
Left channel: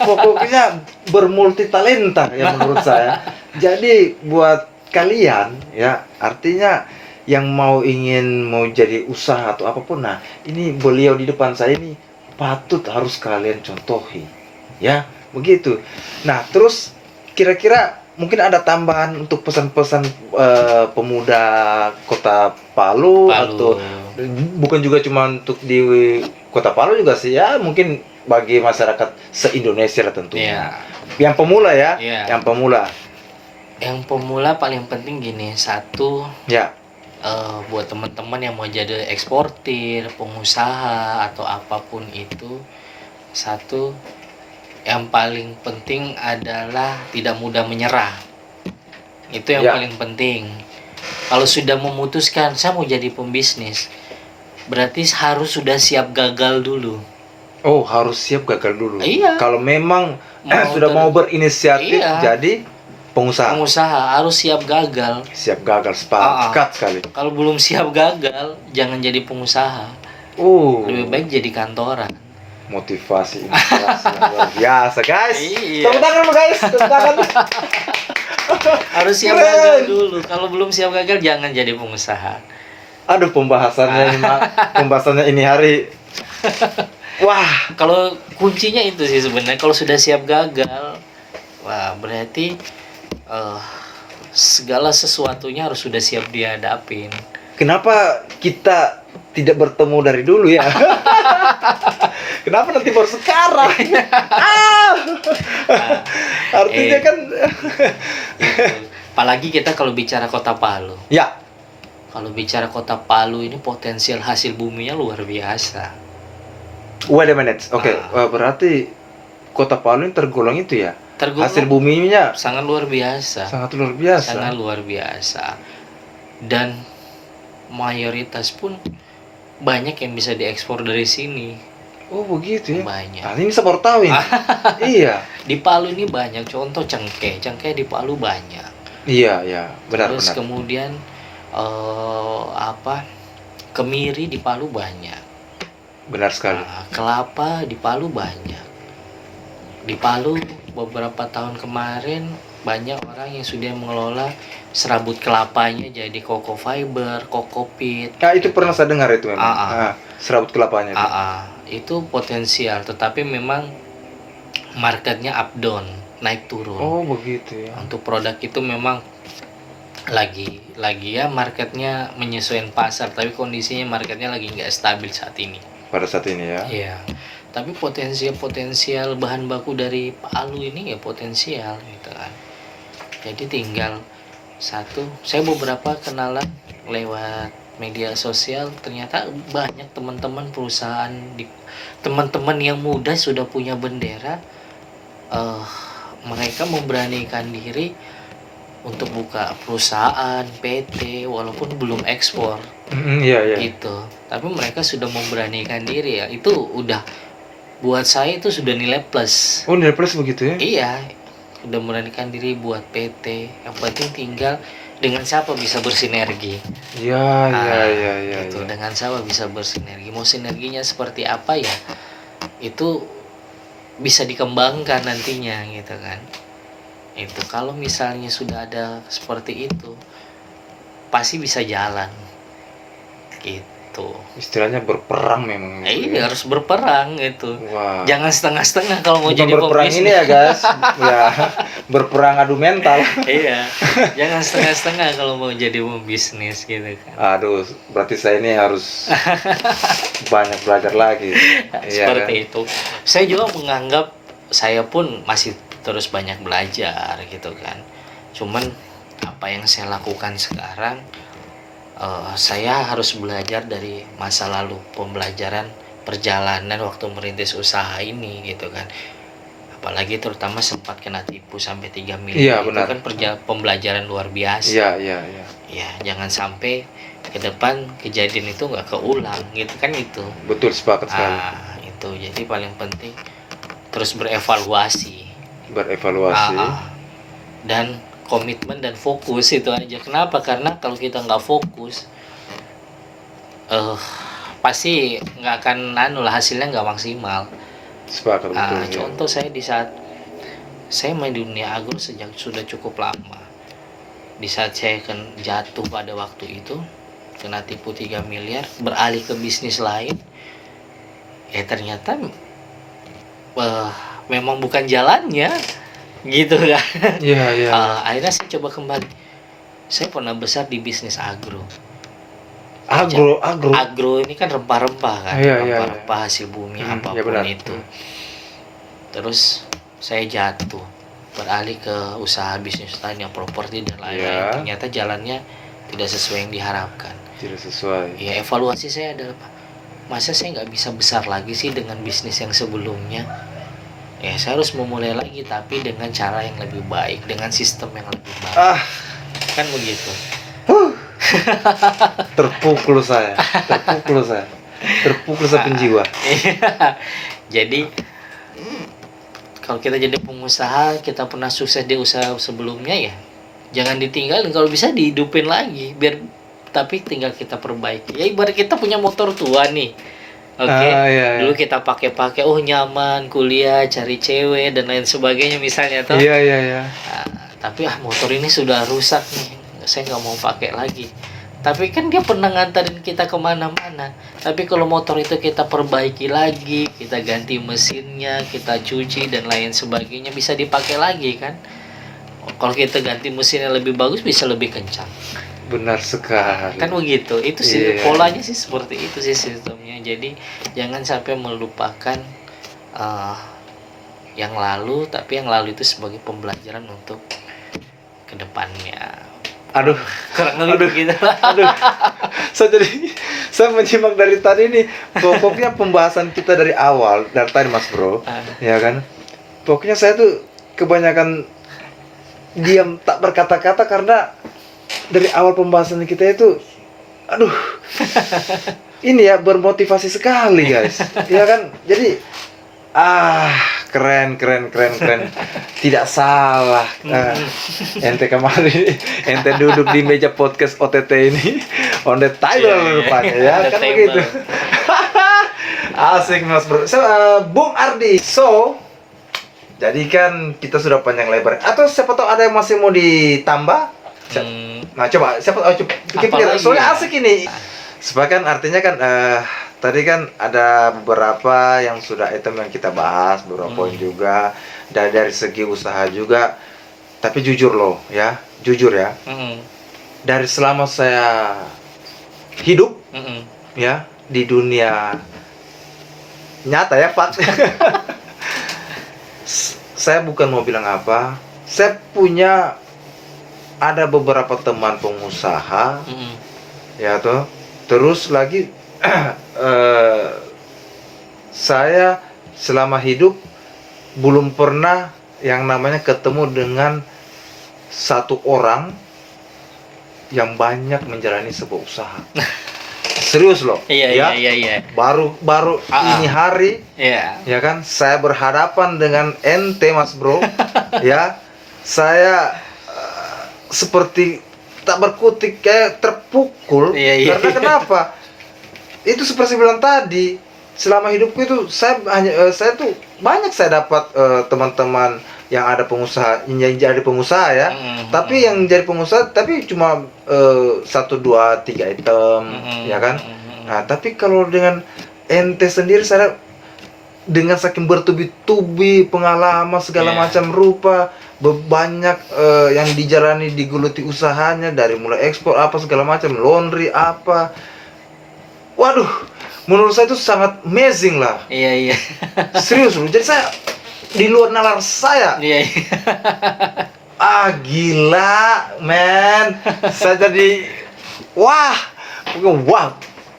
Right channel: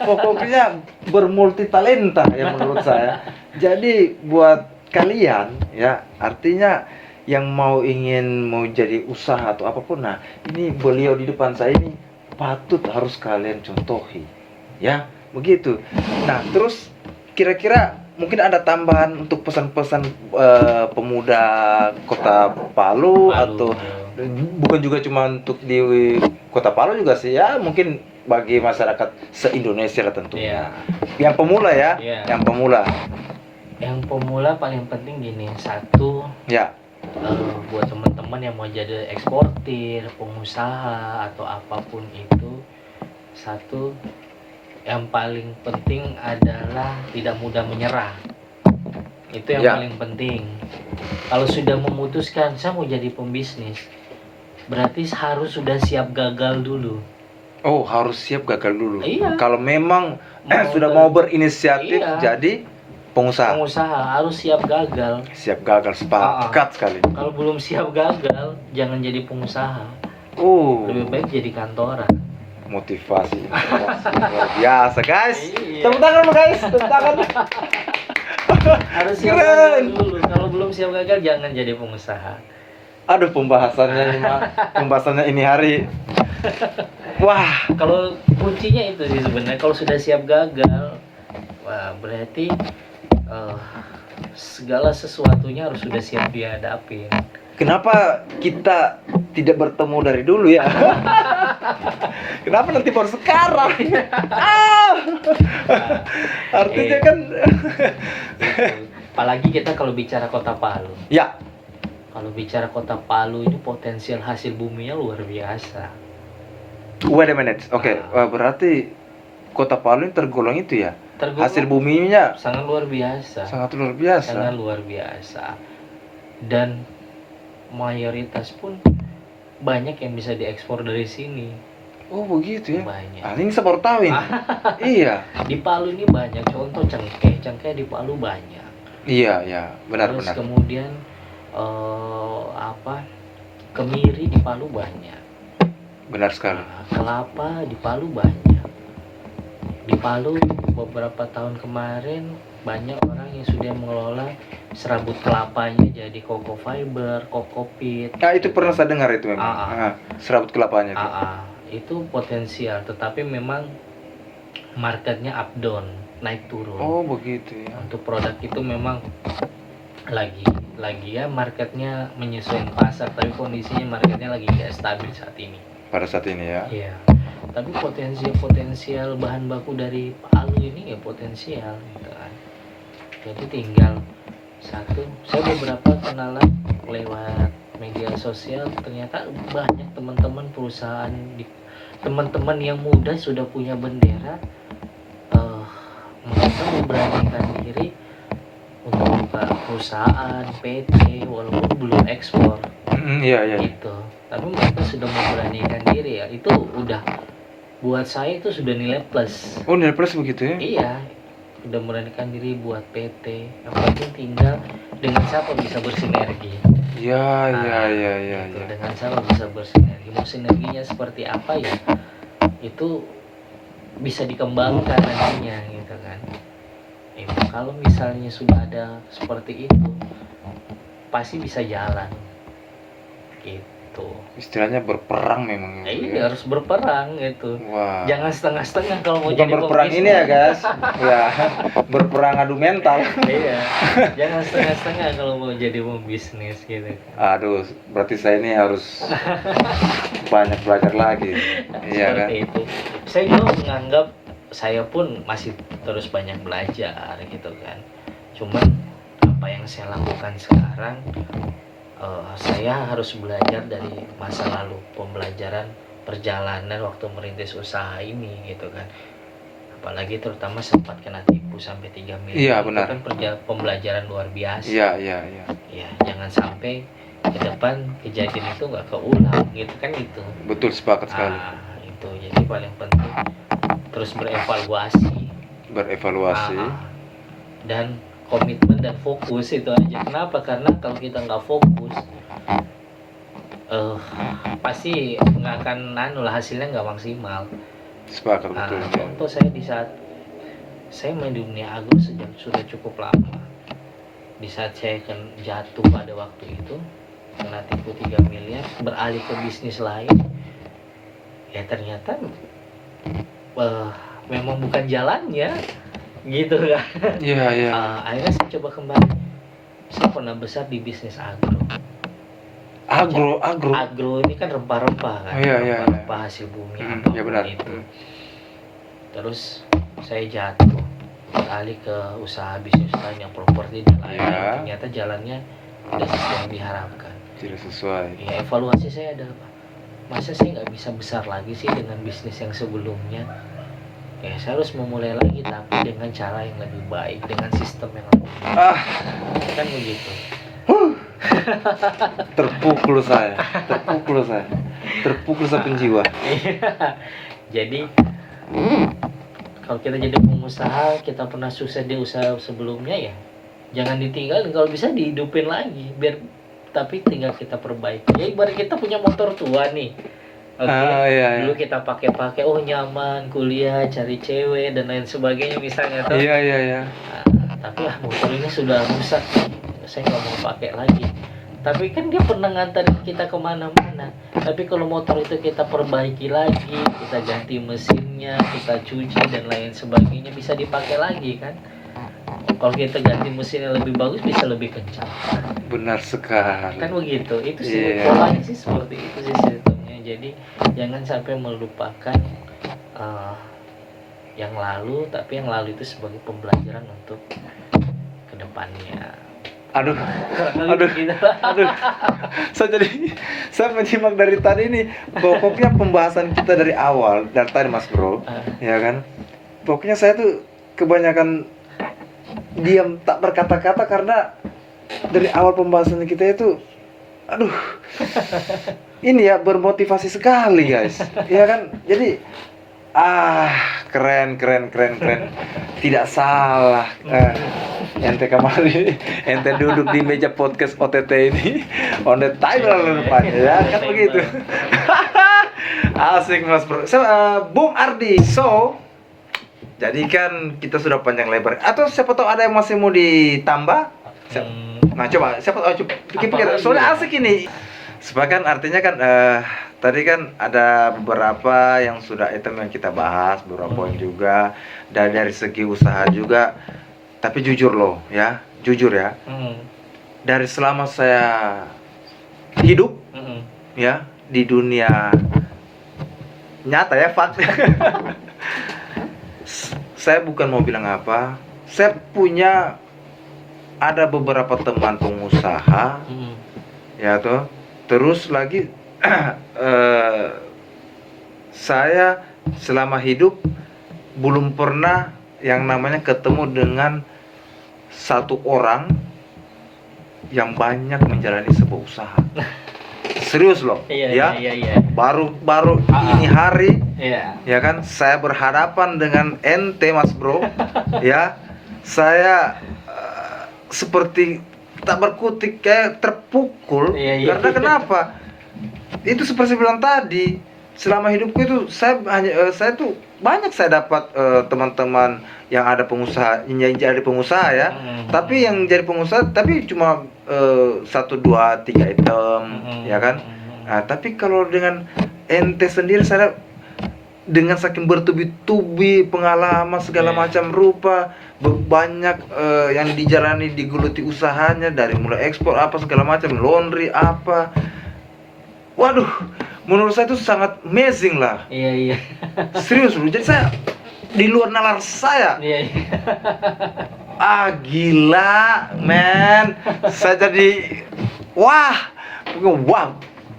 pokoknya bermulti talenta ya menurut saya. Jadi buat kalian ya, artinya yang mau jadi usaha atau apapun, nah ini beliau di depan saya ini patut harus kalian contohi ya, begitu. Nah terus kira-kira mungkin ada tambahan untuk pesan-pesan pemuda Kota Palu, atau bukan juga cuma untuk di Kota Palu juga sih ya, mungkin bagi masyarakat se-Indonesia lah tentunya. Yang pemula ya, yang pemula. Yang pemula paling penting gini, satu ya, buat teman-teman yang mau jadi eksportir, pengusaha atau apapun itu, satu yang paling penting adalah tidak mudah menyerah. Itu yang paling penting. Kalau sudah memutuskan saya mau jadi pembisnis, berarti harus sudah siap gagal dulu. Oh, harus siap gagal dulu. Iya. Kalau memang sudah mau berinisiatif jadi pengusaha harus siap gagal. Siap gagal, sepakat sekali. Kalau belum siap gagal, jangan jadi pengusaha. Lebih baik jadi kantoran. Motivasi luar biasa guys. Iya. Tepuk tangan guys, tepuk tangan. Harus siap gagal dulu. Kalau belum siap gagal, jangan jadi pengusaha. Aduh, pembahasannya ini hari. Wah, kalau kuncinya itu sih sebenarnya. Kalau sudah siap gagal, wah berarti segala sesuatunya harus sudah siap dihadapin. Kenapa kita tidak bertemu dari dulu ya? Kenapa nanti baru sekarang? Artinya kan. Apalagi kita kalau bicara Kota Palu. Ya. Kalau bicara Kota Palu ini potensial hasil buminya luar biasa. Wait a minute. Oke, berarti Kota Palu ini tergolong itu ya? Hasil buminya sangat luar biasa. Sangat luar biasa. Sangat luar biasa. Dan mayoritas pun banyak yang bisa diekspor dari sini. Oh begitu ya? Banyak. Ini saya baru tahu ini. Iya. Di Palu ini banyak. Contoh cengkeh di Palu banyak. Iya, benar. Terus kemudian kemiri di Palu banyak. Benar sekali. Kelapa di Palu banyak. Di Palu beberapa tahun kemarin banyak orang yang sudah mengelola serabut kelapanya jadi koko fiber, kokopit. Nah, itu pernah saya dengar itu memang. Serabut kelapanya itu. Itu potensial, tetapi memang marketnya up down, naik turun. Oh begitu ya. Untuk produk itu memang lagi ya marketnya menyesuaikan pasar, tapi kondisinya marketnya lagi nggak stabil saat ini. Pada saat ini ya. Iya. Tapi potensial bahan baku dari Palu ini ya potensial gitu kan. Jadi tinggal satu, saya beberapa kenalan lewat media sosial, ternyata banyak teman-teman perusahaan teman-teman yang muda sudah punya bendera, mereka memberanikan diri untuk buka perusahaan PT walaupun belum ekspor. Iya. Gitu. Tapi mereka sudah memberanikan diri ya. Itu udah buat saya itu sudah nilai plus. Oh, nilai plus begitu ya? Iya. Udah memberanikan diri buat PT. Yang penting tinggal dengan siapa bisa bersinergi. Iya. Gitu. Dengan siapa bisa bersinergi. Mau sinerginya seperti apa ya? Itu bisa dikembangkan nantinya gitu kan. Itu kalau misalnya sudah ada seperti itu pasti bisa jalan. Gitu. gitu. Istilahnya berperang memang. Iya, harus berperang gitu. Wah. Jangan setengah-setengah kalau mau Bukan jadi berperang pebisnis. ini ya guys, ya berperang adu mental. Iya, jangan setengah-setengah kalau mau jadi pebisnis gitu kan. Aduh, berarti saya ini harus banyak belajar lagi. Iya kan? Seperti itu. Saya juga menganggap saya pun masih terus banyak belajar gitu kan. Cuman apa yang saya lakukan sekarang, saya harus belajar dari masa lalu, pembelajaran perjalanan waktu merintis usaha ini gitu kan. Apalagi terutama sempat kena tipu sampai 3 miliar. Iya, benar. Itu kan pembelajaran luar biasa. Iya. Ya, jangan sampai ke depan kejadian itu nggak keulang gitu kan itu. Betul, sepakat sekali. Itu jadi paling penting terus berevaluasi. Berevaluasi. Dan komitmen dan fokus itu aja. Kenapa? Karena kalau kita nggak fokus, pasti nggak akan hasilnya nggak maksimal. Sepakat, betul. Contoh saya di saat saya main di dunia agro sejak sudah cukup lama. Di saat saya jatuh pada waktu itu, kena tipu 3 miliar, beralih ke bisnis lain, ya ternyata memang bukan jalannya gitu kan. Iya. Akhirnya saya coba kembali. Saya pernah besar di bisnis agro. Agro ini kan rempah-rempah kan. Iya. Rempah hasil bumi apapun ya benar. itu. Terus saya jatuh, beralih ke usaha bisnis lain yang properti dan lain-lain. Iya. Ternyata jalannya tidak sesuai yang diharapkan. Tidak sesuai. Ya, evaluasi saya adalah, masa saya nggak bisa besar lagi sih dengan bisnis yang sebelumnya? Ya, saya harus memulai lagi, tapi dengan cara yang lebih baik, dengan sistem yang lebih baik. Kan begitu. Terpukul saya penjiwa. Jadi kalau kita jadi pengusaha, kita pernah sukses di usaha sebelumnya, ya jangan ditinggalin, kalau bisa dihidupin lagi, tapi tinggal kita perbaiki. Ya ibarat kita punya motor tua nih. Iya. Dulu kita pakai nyaman, kuliah, cari cewek dan lain sebagainya misalnya tuh. Iya. Tapi motor ini sudah rusak nih, saya nggak mau pakai lagi. Tapi kan dia pernah nganterin kita kemana-mana. Tapi kalau motor itu kita perbaiki lagi, kita ganti mesinnya, kita cuci dan lain sebagainya, bisa dipakai lagi kan. Kalau kita ganti mesinnya lebih bagus, bisa lebih kencang. Benar sekali. Kan begitu. Itu sih polanya sih seperti itu sih sistemnya. Jadi jangan sampai melupakan yang lalu, tapi yang lalu itu sebagai pembelajaran untuk kedepannya. Aduh. Gitu lah. Saya menyimak dari tadi nih, pokoknya pembahasan kita dari awal, dari tadi Mas Bro, ya kan? Pokoknya saya tuh kebanyakan diam tak berkata-kata karena dari awal pembahasan kita itu, ini ya bermotivasi sekali guys, ya kan? Jadi keren, tidak salah. Ente kemarin ente duduk di meja podcast OTT ini on the table rupanya, ya kan begitu. Asik Mas Bro. Bung Ardi, jadi kan kita sudah panjang lebar. Atau siapa tahu ada yang masih mau ditambah? Nah coba, pikir-pikir. Soalnya asik ini. Sebagian artinya kan tadi kan ada beberapa yang sudah item yang kita bahas, beberapa poin juga. Dan dari segi usaha juga. Tapi jujur ya. Dari selama saya hidup ya di dunia nyata ya, Pak. Saya bukan mau bilang apa. Saya punya ada beberapa teman pengusaha, ya toh. Terus lagi saya selama hidup belum pernah yang namanya ketemu dengan satu orang yang banyak menjalani sebuah usaha. Serius loh. Iya. Baru ini hari, ya kan, saya berhadapan dengan ente Mas Bro. Ya, saya seperti tak berkutik, kayak terpukul. Karena kenapa? Itu seperti bilang tadi, selama hidupku itu saya tuh banyak saya dapat teman-teman yang ada pengusaha, yang jadi pengusaha ya. Tapi yang jadi pengusaha tapi cuma 1, 2, 3 item, ya kan. Nah, tapi kalau dengan ente sendiri, saya dengan saking bertubi-tubi pengalaman segala macam rupa, banyak yang dijalani, digeluti usahanya, dari mulai ekspor apa segala macam, laundry apa. Waduh, menurut saya itu sangat amazing lah. Iya. Serius loh. Jadi saya di luar nalar saya. Iya. Gila, man. Saya jadi wah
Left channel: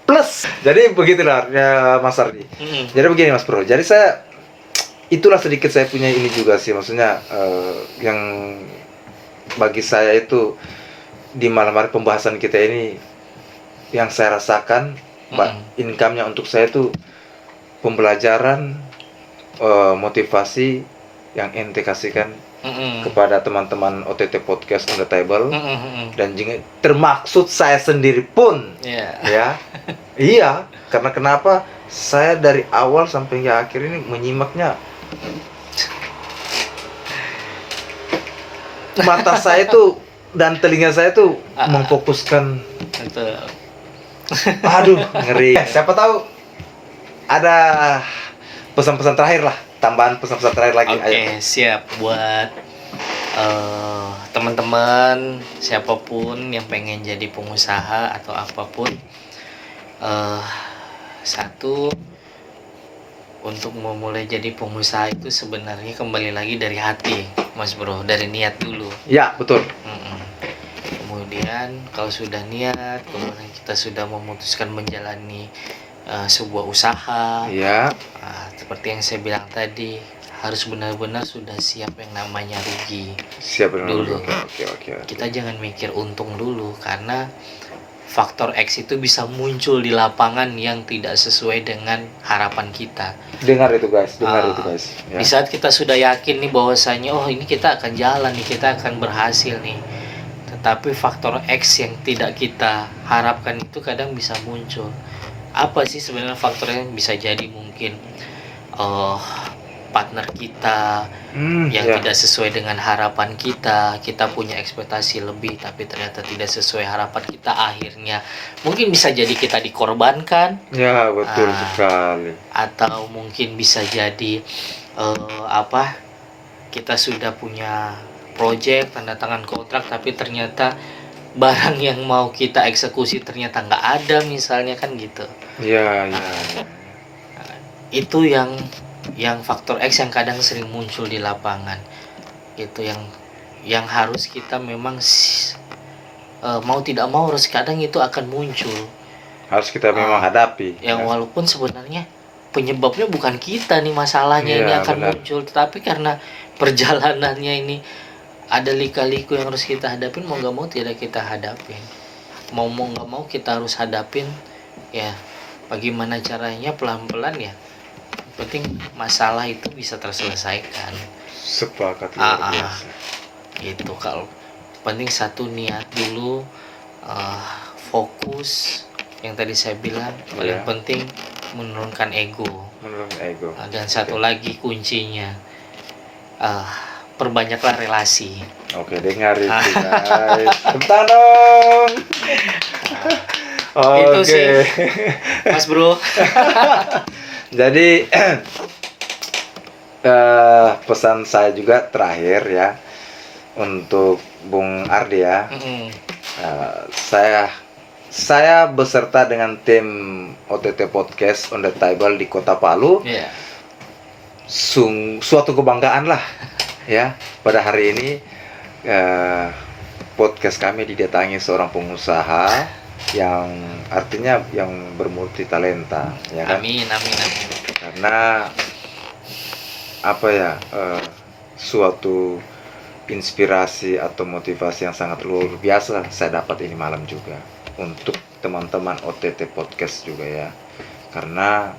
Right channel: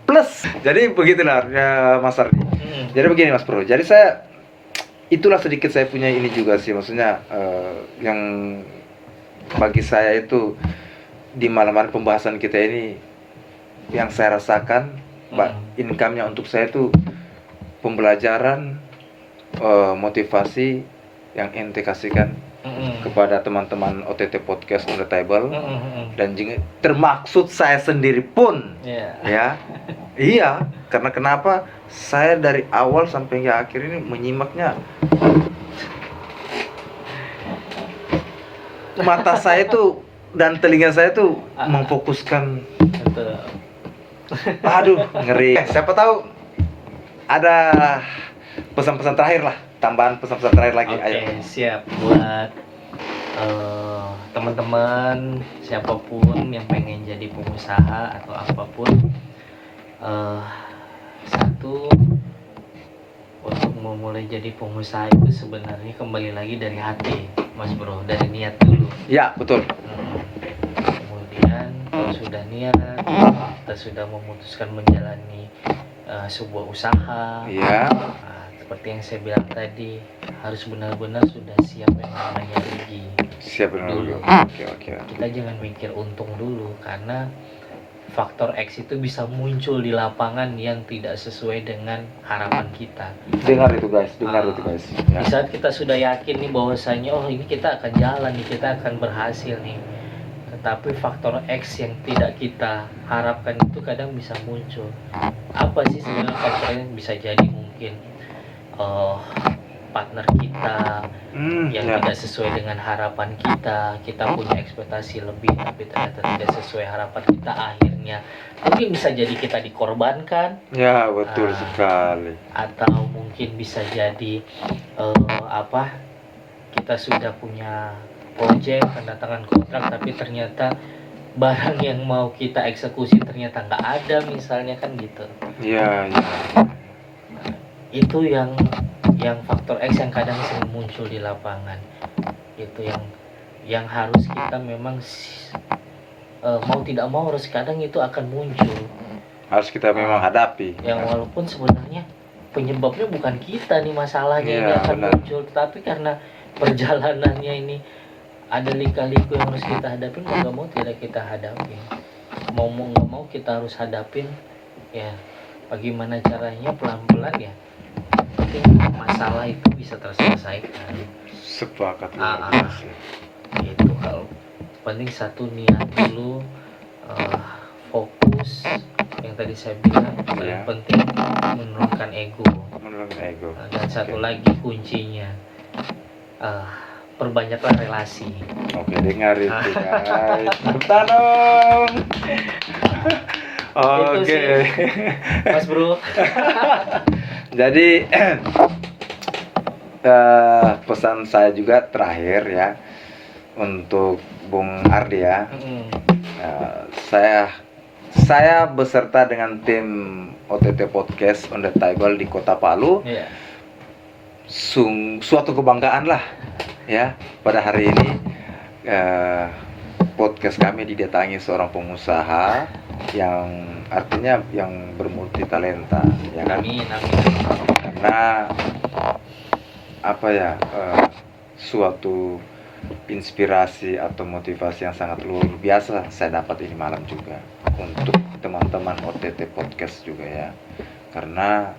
plus. Jadi begitulah ya Mas Ardi. Jadi begini Mas Bro. Jadi saya itulah sedikit saya punya ini juga sih, maksudnya yang bagi saya itu di malam hari pembahasan kita ini yang saya rasakan, income-nya untuk saya itu pembelajaran, motivasi yang ente kasihkan kepada teman-teman OTT Podcast on the Table, dan juga termaksud saya sendiri pun, ya, iya, karena kenapa saya dari awal sampai akhir ini menyimaknya, mata saya itu dan telinga saya itu memfokuskan. Aduh, ngeri. Siapa tahu ada pesan-pesan terakhir lah, tambahan pesan-pesan terakhir lagi. Oke, siap buat teman-teman siapapun yang pengen jadi pengusaha atau apapun. Satu, untuk memulai jadi pengusaha itu sebenarnya kembali lagi dari hati, Mas Bro, dari niat dulu. Ya, betul. Kemudian kalau sudah niat, kita sudah memutuskan menjalani sebuah usaha. Ya. Seperti yang saya bilang tadi, harus benar-benar sudah siap yang namanya rugi. Siap dulu. Oke. Kita jangan mikir untung dulu, karena faktor X itu bisa muncul di lapangan yang tidak sesuai dengan harapan kita. Dengar itu guys. Ya. Di saat kita sudah yakin nih bahwasanya ini kita akan jalan nih, kita akan berhasil nih. Tetapi faktor X yang tidak kita harapkan itu kadang bisa muncul. Apa sih sebenarnya faktornya? Bisa jadi mungkin partner kita yang tidak sesuai dengan harapan kita. Kita punya ekspektasi lebih tapi ternyata tidak sesuai harapan kita, akhirnya mungkin bisa jadi kita dikorbankan. Ya, betul sekali. Atau mungkin bisa jadi kita sudah punya project, tanda tangan kontrak, tapi ternyata barang yang mau kita eksekusi ternyata nggak ada, misalnya kan gitu. Ya. Itu yang faktor X yang kadang sering muncul di lapangan. Itu yang harus kita memang mau tidak mau harus kadang itu akan muncul. Harus kita memang hadapi. Yang walaupun sebenarnya penyebabnya bukan kita nih masalahnya, ini akan muncul, tetapi karena perjalanannya ini ada lika-liku yang harus kita hadapin, mau nggak mau tidak kita hadapin. Mau nggak mau kita harus hadapin. Ya, bagaimana caranya pelan-pelan ya. Penting masalah itu bisa terselesaikan. Sepakat luar biasa. Gitu, kalau penting satu niat dulu, fokus. Yang tadi saya bilang paling penting menurunkan ego. Dan satu lagi kuncinya, perbanyaklah relasi. Oke, dengar itu guys. Bentar dong. Itu sih, Mas Bro. Jadi pesan saya juga terakhir ya untuk Bung Ardi ya. Saya beserta dengan tim OTT Podcast on the Table di Kota Palu. Suatu kebanggaan lah ya, pada hari ini podcast kami didatangi seorang pengusaha yang artinya yang bermulti talenta, ya kan? Amin. Karena suatu inspirasi atau motivasi yang sangat luar biasa saya dapat ini malam juga untuk teman-teman OTT Podcast juga ya, karena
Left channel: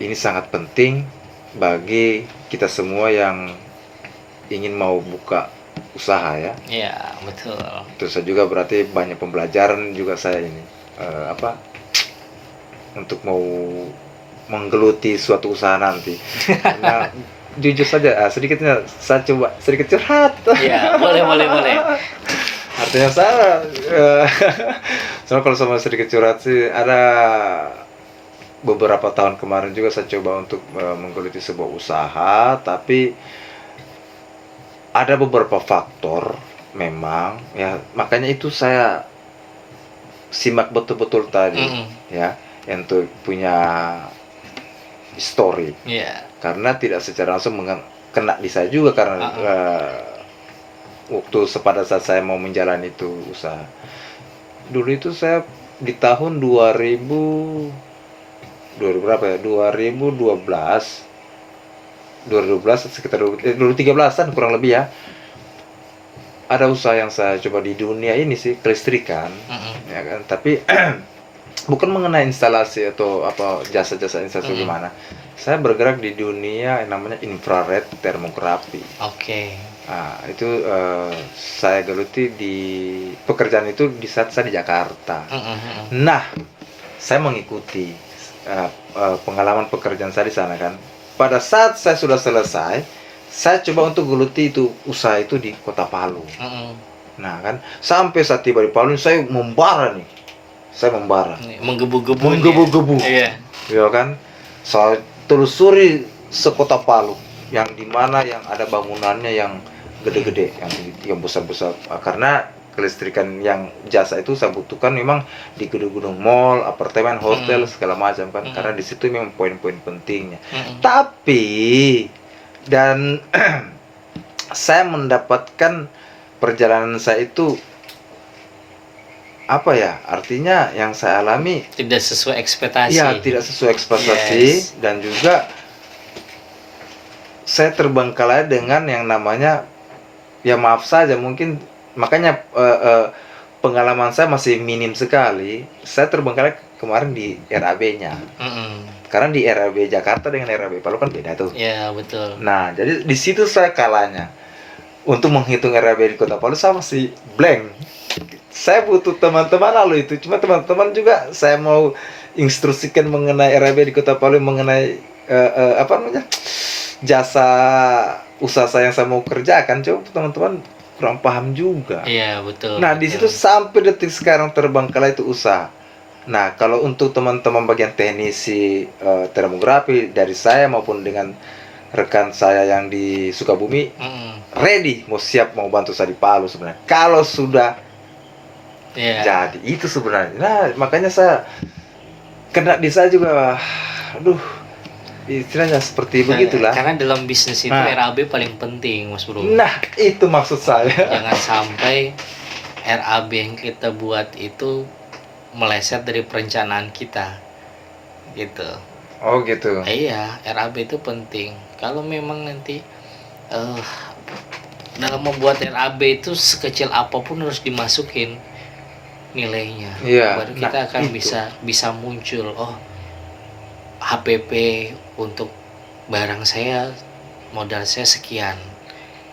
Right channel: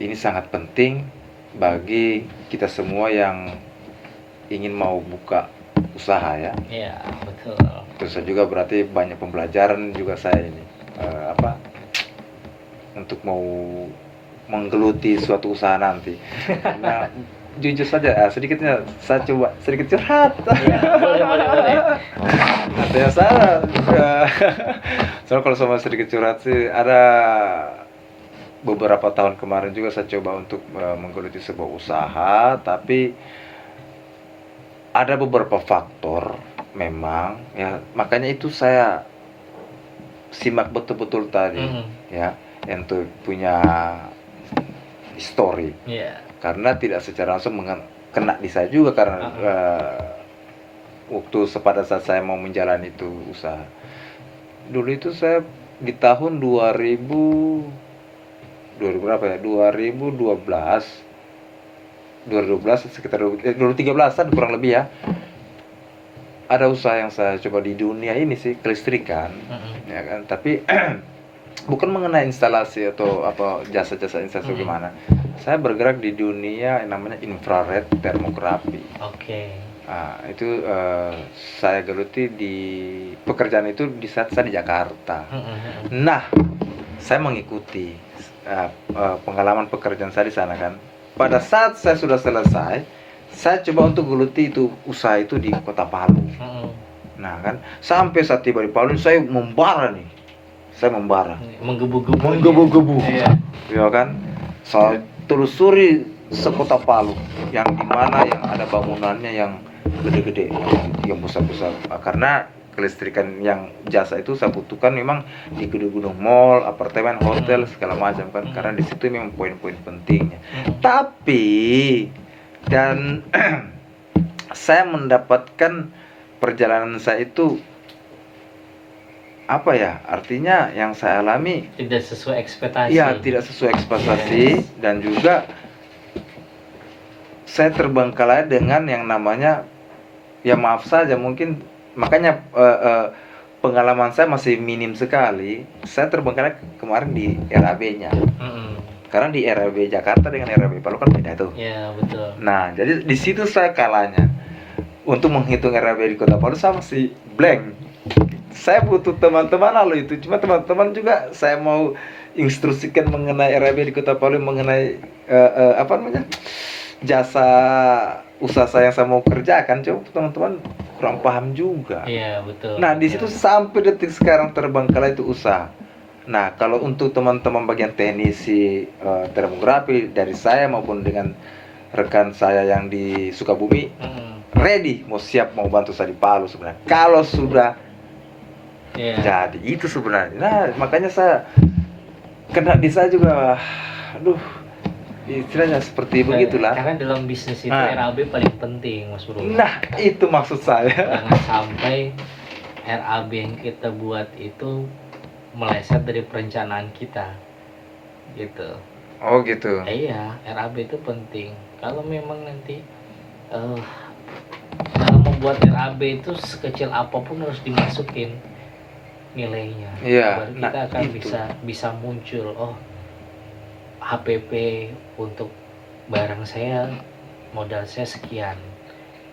ini sangat penting bagi kita semua yang ingin mau buka usaha ya. Iya, betul. Terus saya juga berarti banyak pembelajaran juga saya ini untuk mau menggeluti suatu usaha nanti. Karena jujur saja sedikitnya saya coba sedikit curhat. Iya, boleh. Ada yang salah. Soalnya kalau sama sedikit curhat sih, ada beberapa tahun kemarin juga saya coba untuk menggeluti sebuah usaha, tapi ada beberapa faktor memang ya, makanya itu saya simak betul-betul tadi ya, untuk punya story. Karena tidak secara langsung kena di saya juga karena waktu pada saat saya mau menjalani itu usaha. Dulu itu saya di tahun 2000 berapa ya? 2012 sekitar 2013-an kurang lebih ya. Ada usaha yang saya coba di dunia ini sih, kelistrikan. Ya kan, tapi bukan mengenai instalasi atau apa jasa-jasa instalasi gimana. Saya bergerak di dunia yang namanya infrared termografi. Nah, itu saya geluti di pekerjaan itu di saat saya di Jakarta. Nah, saya mengikuti pengalaman pekerjaan saya di sana kan. Pada saat saya sudah selesai, saya coba untuk geluti itu usaha itu di Kota Palu. Nah kan, sampai saat tiba di Palu saya membara nih. Saya membara. Menggebu-gebu. Ya kan? Saya telusuri sekota Palu yang dimana yang ada bangunannya yang gede-gede, yang besar-besar. Karena kelistrikan yang jasa itu saya butuhkan memang di gedung-gedung mall, apartemen, hotel segala macam kan. Karena di situ memang poin-poin pentingnya. Tapi dan saya mendapatkan perjalanan saya itu apa ya, artinya yang saya alami tidak sesuai ekspektasi. Ya, tidak sesuai ekspektasi. Dan juga saya terbengkalai dengan yang namanya, ya maaf saja mungkin, makanya pengalaman saya masih minim sekali. Saya terbengkalai kemarin di RAB-nya. Karena di RAB Jakarta dengan RAB Palu kan beda tuh. Ya, betul. Nah, jadi di situ saya kalahnya. Untuk menghitung RAB di Kota Palu saya masih blank. Saya butuh teman-teman lalu itu. Cuma teman-teman juga saya mau instruksikan mengenai RAB di Kota Palu, mengenai apa namanya, jasa usaha saya yang saya mau kerjakan. Coba teman-teman kurang paham juga. Iya, betul. Nah, di situ sampai detik sekarang terbengkalai itu usaha. Nah, kalau untuk teman-teman bagian teknisi termografi dari saya maupun dengan rekan saya yang di Sukabumi, ready, mau siap mau bantu saya di Palu sebenarnya. Kalau sudah jadi itu sebenarnya. Nah, makanya saya kena di saya juga, aduh, istilahnya seperti begitulah. Karena dalam bisnis itu RAB paling penting, Mas Bro. Nah, itu maksud saya. Jangan sampai RAB yang kita buat itu meleset dari perencanaan kita, gitu. Oh gitu. Iya, RAB itu penting. Kalau memang nanti dalam membuat RAB itu sekecil apapun harus dimasukin nilainya. Baru kita akan bisa muncul. Oh, HPP untuk barang saya, modal saya sekian,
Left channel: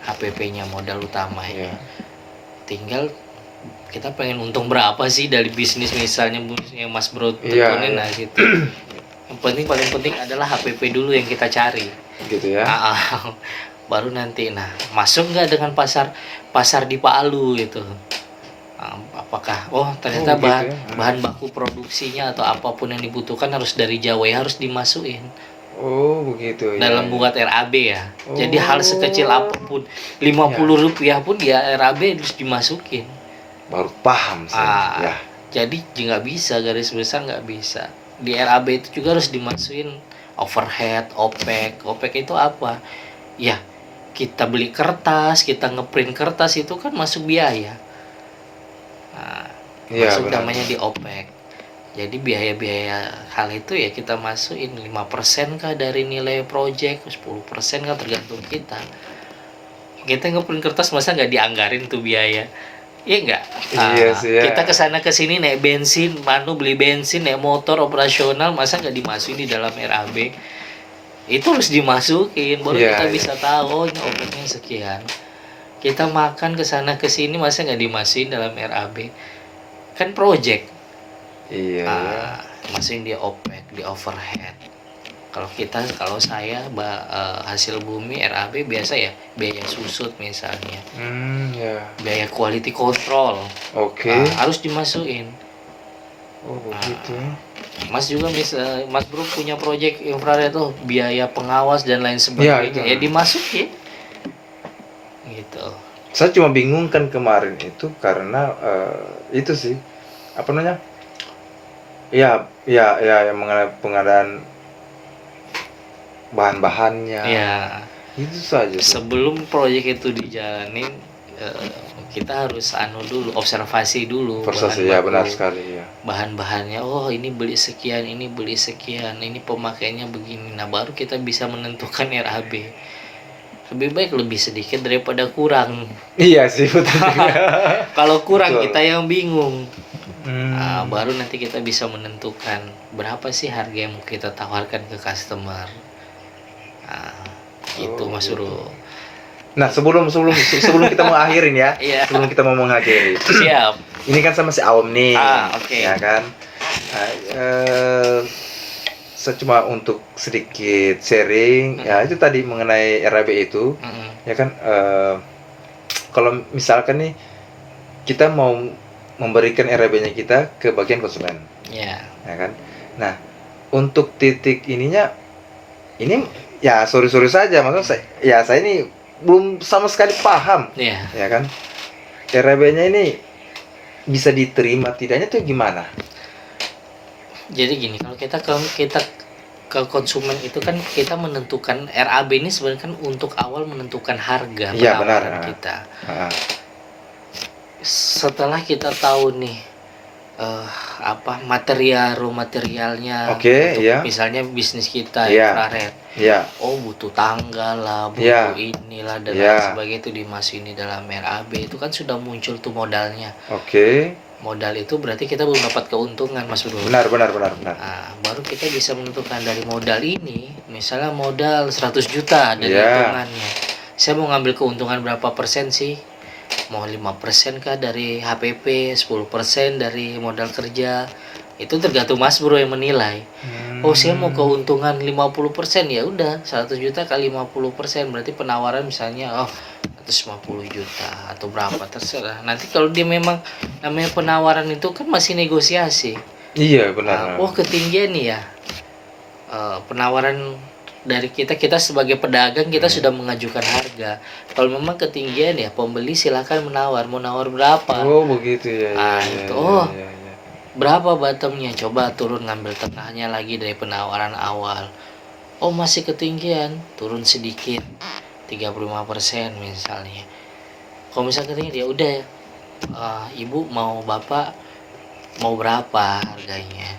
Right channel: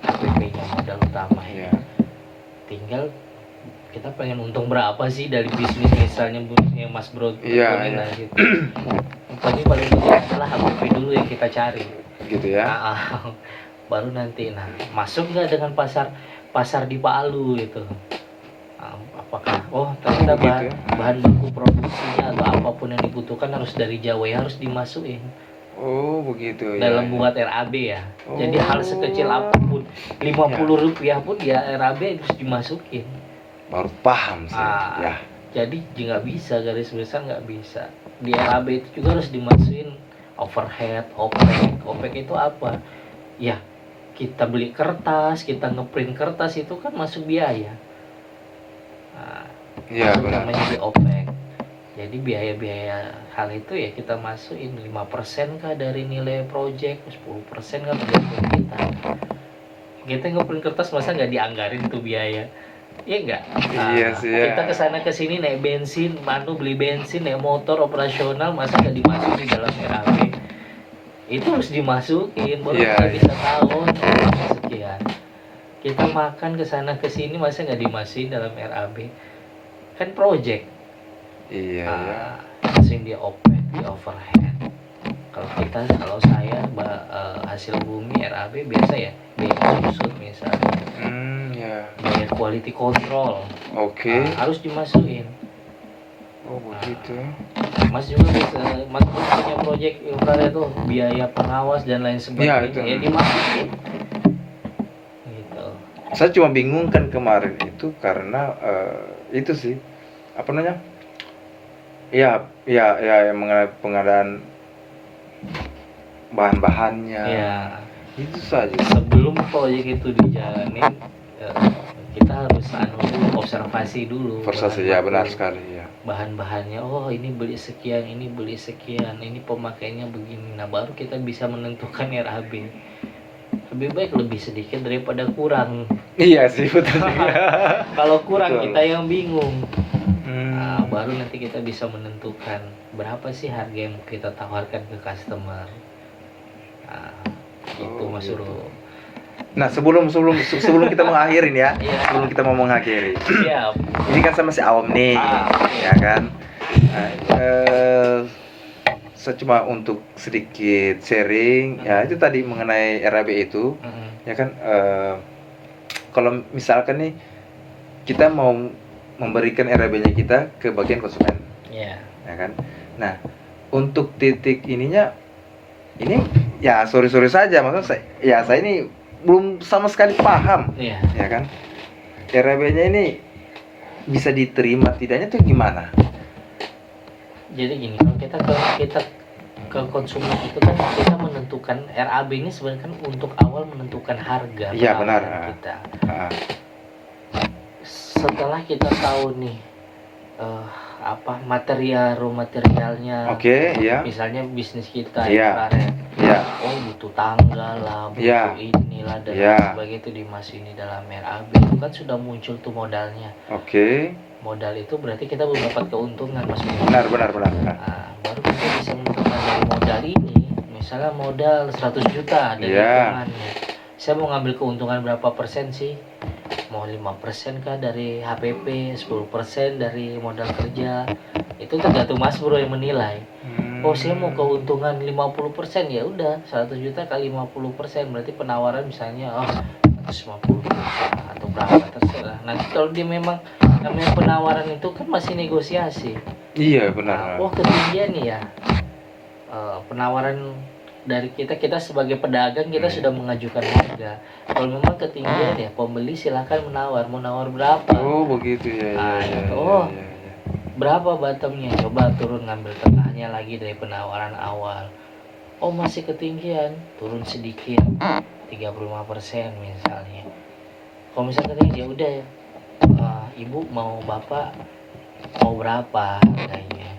HPP-nya modal utama ya. Tinggal kita pengen untung berapa sih dari bisnis, misalnya yang Mas Bro tekunin. Nah gitu. Yang paling penting adalah HPP dulu yang kita cari. Gitu ya. Baru nanti masuk nggak dengan pasar di Palu gitu. Apakah ternyata bahan baku produksinya atau apapun yang dibutuhkan harus dari Jawa, ya harus dimasukin. Oh begitu ya. Dalam buat RAB ya. Jadi hal sekecil apapun, 50 rupiah pun ya RAB harus dimasukin. Baru paham saya. Ya. Jadi nggak bisa, garis besar nggak bisa. Di RAB itu juga harus dimasukin overhead, OPEX. OPEX itu apa? Ya, kita beli kertas, kita ngeprint kertas itu kan masuk biaya. Masuk namanya di OPEX. Jadi biaya-biaya hal itu ya kita masukin 5% kah dari nilai project, 10% kan tergantung kita. Kita ngeprint kertas masa nggak dianggarin tuh biaya? Iya enggak? Iya sih ya. Kita kesana kesini naik bensin, beli bensin, naik motor operasional, masa nggak dimasukin di dalam RAB? Itu harus dimasukin, baru kita bisa tahu sekian. Kita makan kesana kesini, masa nggak dimasukin dalam RAB? Kan project. Iya. Masukin di OPEX, di overhead. Kalau saya hasil bumi RAB biasa ya, biaya susut misalnya. Ya. Biaya quality control. Oke. Harus dimasukin. Oh begitu. Mas juga bisa, Mas Bro punya proyek infrared tuh, biaya pengawas dan lain sebagainya, Iya, ya dimasukin gitu. Saya cuma bingung kan kemarin itu karena itu sih apa namanya? Ya yang mengenai pengadaan bahan-bahannya. Ya, Itu saja. sebelum proyek itu dijalanin, kita harus dulu, observasi dulu. Proses ya benar sekali ya. Bahan-bahannya, oh ini beli sekian, ini pemakaiannya begini. Nah baru kita bisa menentukan RAB. Lebih baik lebih sedikit daripada kurang. Iya sih betul. Kalau kurang Betul. kita yang bingung. Nah, baru nanti kita bisa menentukan berapa sih harga yang mau kita tawarkan ke customer. Nah, itu Mas gitu. Bro. Nah sebelum kita mau akhirin ya, Iya. sebelum kita mau mengakhiri, Siap. ini kan sama si Aom nih, Oke. ya kan. Nah, saya cuma untuk sedikit sharing, ya itu tadi mengenai RAB itu, ya kan. Kalau misalkan nih kita mau memberikan RAB-nya kita ke bagian konsumen, Ya. ya kan. Nah untuk titik ininya, ini ya sorry saja, maksudnya saya ini belum sama sekali paham, Iya. ya kan. RAB-nya ini bisa diterima tidaknya tuh gimana? Jadi gini, kalau kita ke konsumen itu kan kita menentukan RAB ini sebenarnya kan untuk awal menentukan harga Iya, penawaran benar. kita. Nah, Setelah kita tahu nih raw materialnya, Oke, untuk iya. misalnya bisnis kita Iya. infrared, Iya. oh butuh tanggal lah, Iya. butuh inilah dan Iya. lain sebagainya, itu dimasukin di dalam RAB, itu kan sudah muncul tuh modalnya. Oke. Modal itu berarti kita belum dapat keuntungan, Mas Bro. Benar. Nah, baru kita bisa menentukan dari modal ini, misalnya modal 100 juta dari Iya. hitungannya. Saya mau ngambil keuntungan berapa persen sih? Mau 5% kah dari HPP, 10% dari modal kerja. Itu tergantung Mas Bro yang menilai. Oh, saya mau keuntungan 50%, ya udah 100 juta kali 50%, berarti penawaran misalnya 150 juta atau berapa, terserah. Nanti kalau dia memang namanya penawaran itu kan masih negosiasi. Iya, benar. Oh, ketinggian nih ya. Penawaran dari kita sebagai pedagang kita sudah mengajukan harga. Kalau memang ketinggian ya pembeli silakan menawar, mau nawar berapa. Oh, begitu ya. Berapa bottomnya, coba turun ngambil tengahnya lagi dari penawaran awal. Oh masih ketinggian, turun sedikit 35% misalnya. Kalau misalnya ketinggian ya udah, ibu mau bapak mau berapa harganya.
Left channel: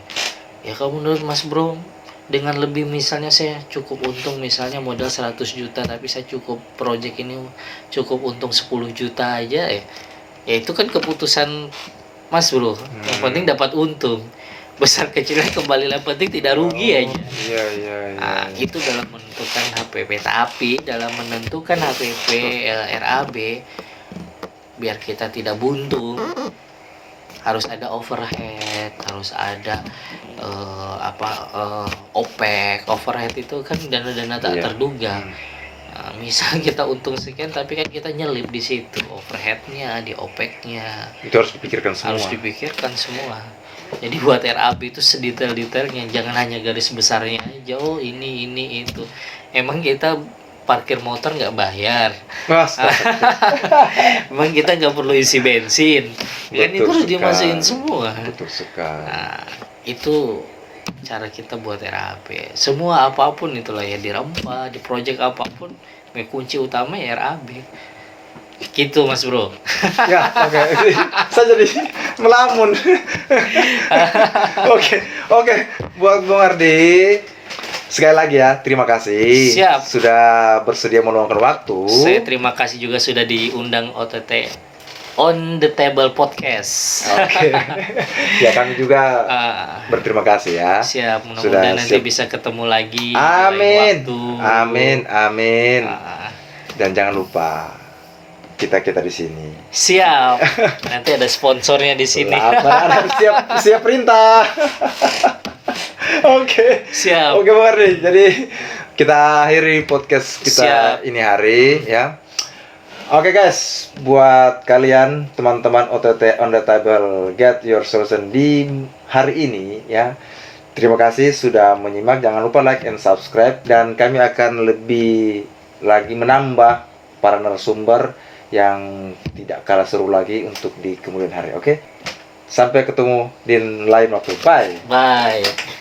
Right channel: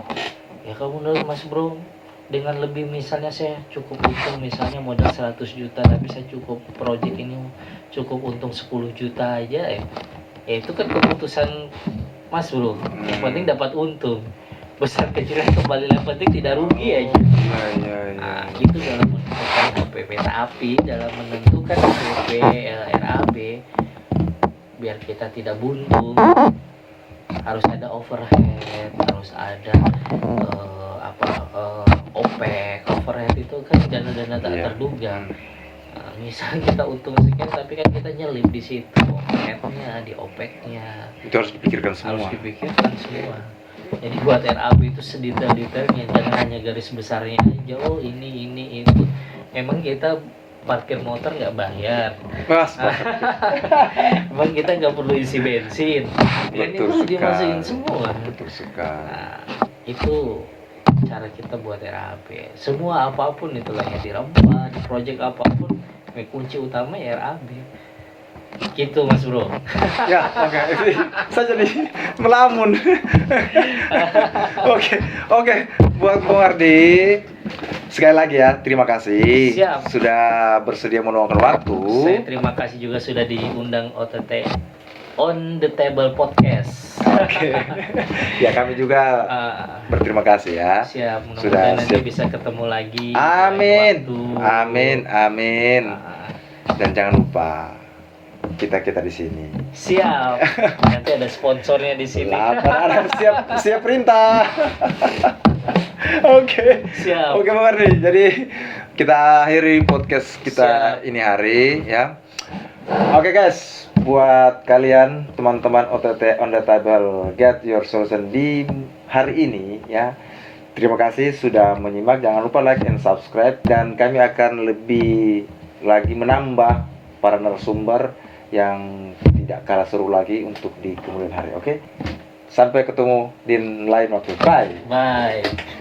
Ya kalau menurut Mas Bro dengan lebih, misalnya saya cukup untung misalnya modal 100 juta tapi saya cukup project ini cukup untung 10 juta aja ya itu kan keputusan Mas Bro. Yang penting dapat untung, besar kecilnya kembali, yang penting tidak rugi aja. Iya. Nah, itu dalam menentukan HPP. Tapi dalam menentukan HPP RAB biar kita tidak buntung, harus ada overhead, harus ada OPEX. Overhead itu kan dana-dana tak terduga. Nah, misal kita untung sekian tapi kan kita nyelip di situ overheadnya, di OPEX-nya. Itu harus dipikirkan semua. Jadi buat RAB itu sedetail-detailnya, jangan hanya garis besarnya aja. Oh ini itu. Emang kita parkir motor nggak bayar? Emang kita nggak perlu isi bensin? Kan itu harus dimasukin semua. Betul sekali. Nah, itu cara kita buat RAB. Semua apapun itulah ya, di Rampa, di project apapun, kunci utama ya RAB. Gitu Mas Bro. Ya, oke. Saya jadi melamun. Oke. Buat Bung Ardi, sekali lagi ya, terima kasih. Siap. Sudah bersedia meluangkan waktu. Saya terima kasih juga sudah diundang OTT On The Table Podcast. Oke. Ya, kami juga berterima kasih ya. Siap, mudah-mudahan nanti bisa ketemu lagi. Amin. Dan jangan lupa kita di sini. Siap. Nanti ada sponsornya di sini. Siap perintah. Oke. Siap. Oke, Bang Ardi. Jadi kita akhiri podcast kita ini hari ya. Oke guys, buat kalian teman-teman OTT on the table get your solution di hari ini ya. Terima kasih sudah menyimak. Jangan lupa like and subscribe, dan kami akan lebih lagi menambah para narasumber yang tidak kalah seru lagi untuk di kemudian hari. Oke? Sampai ketemu di lain waktu. Bye. Bye.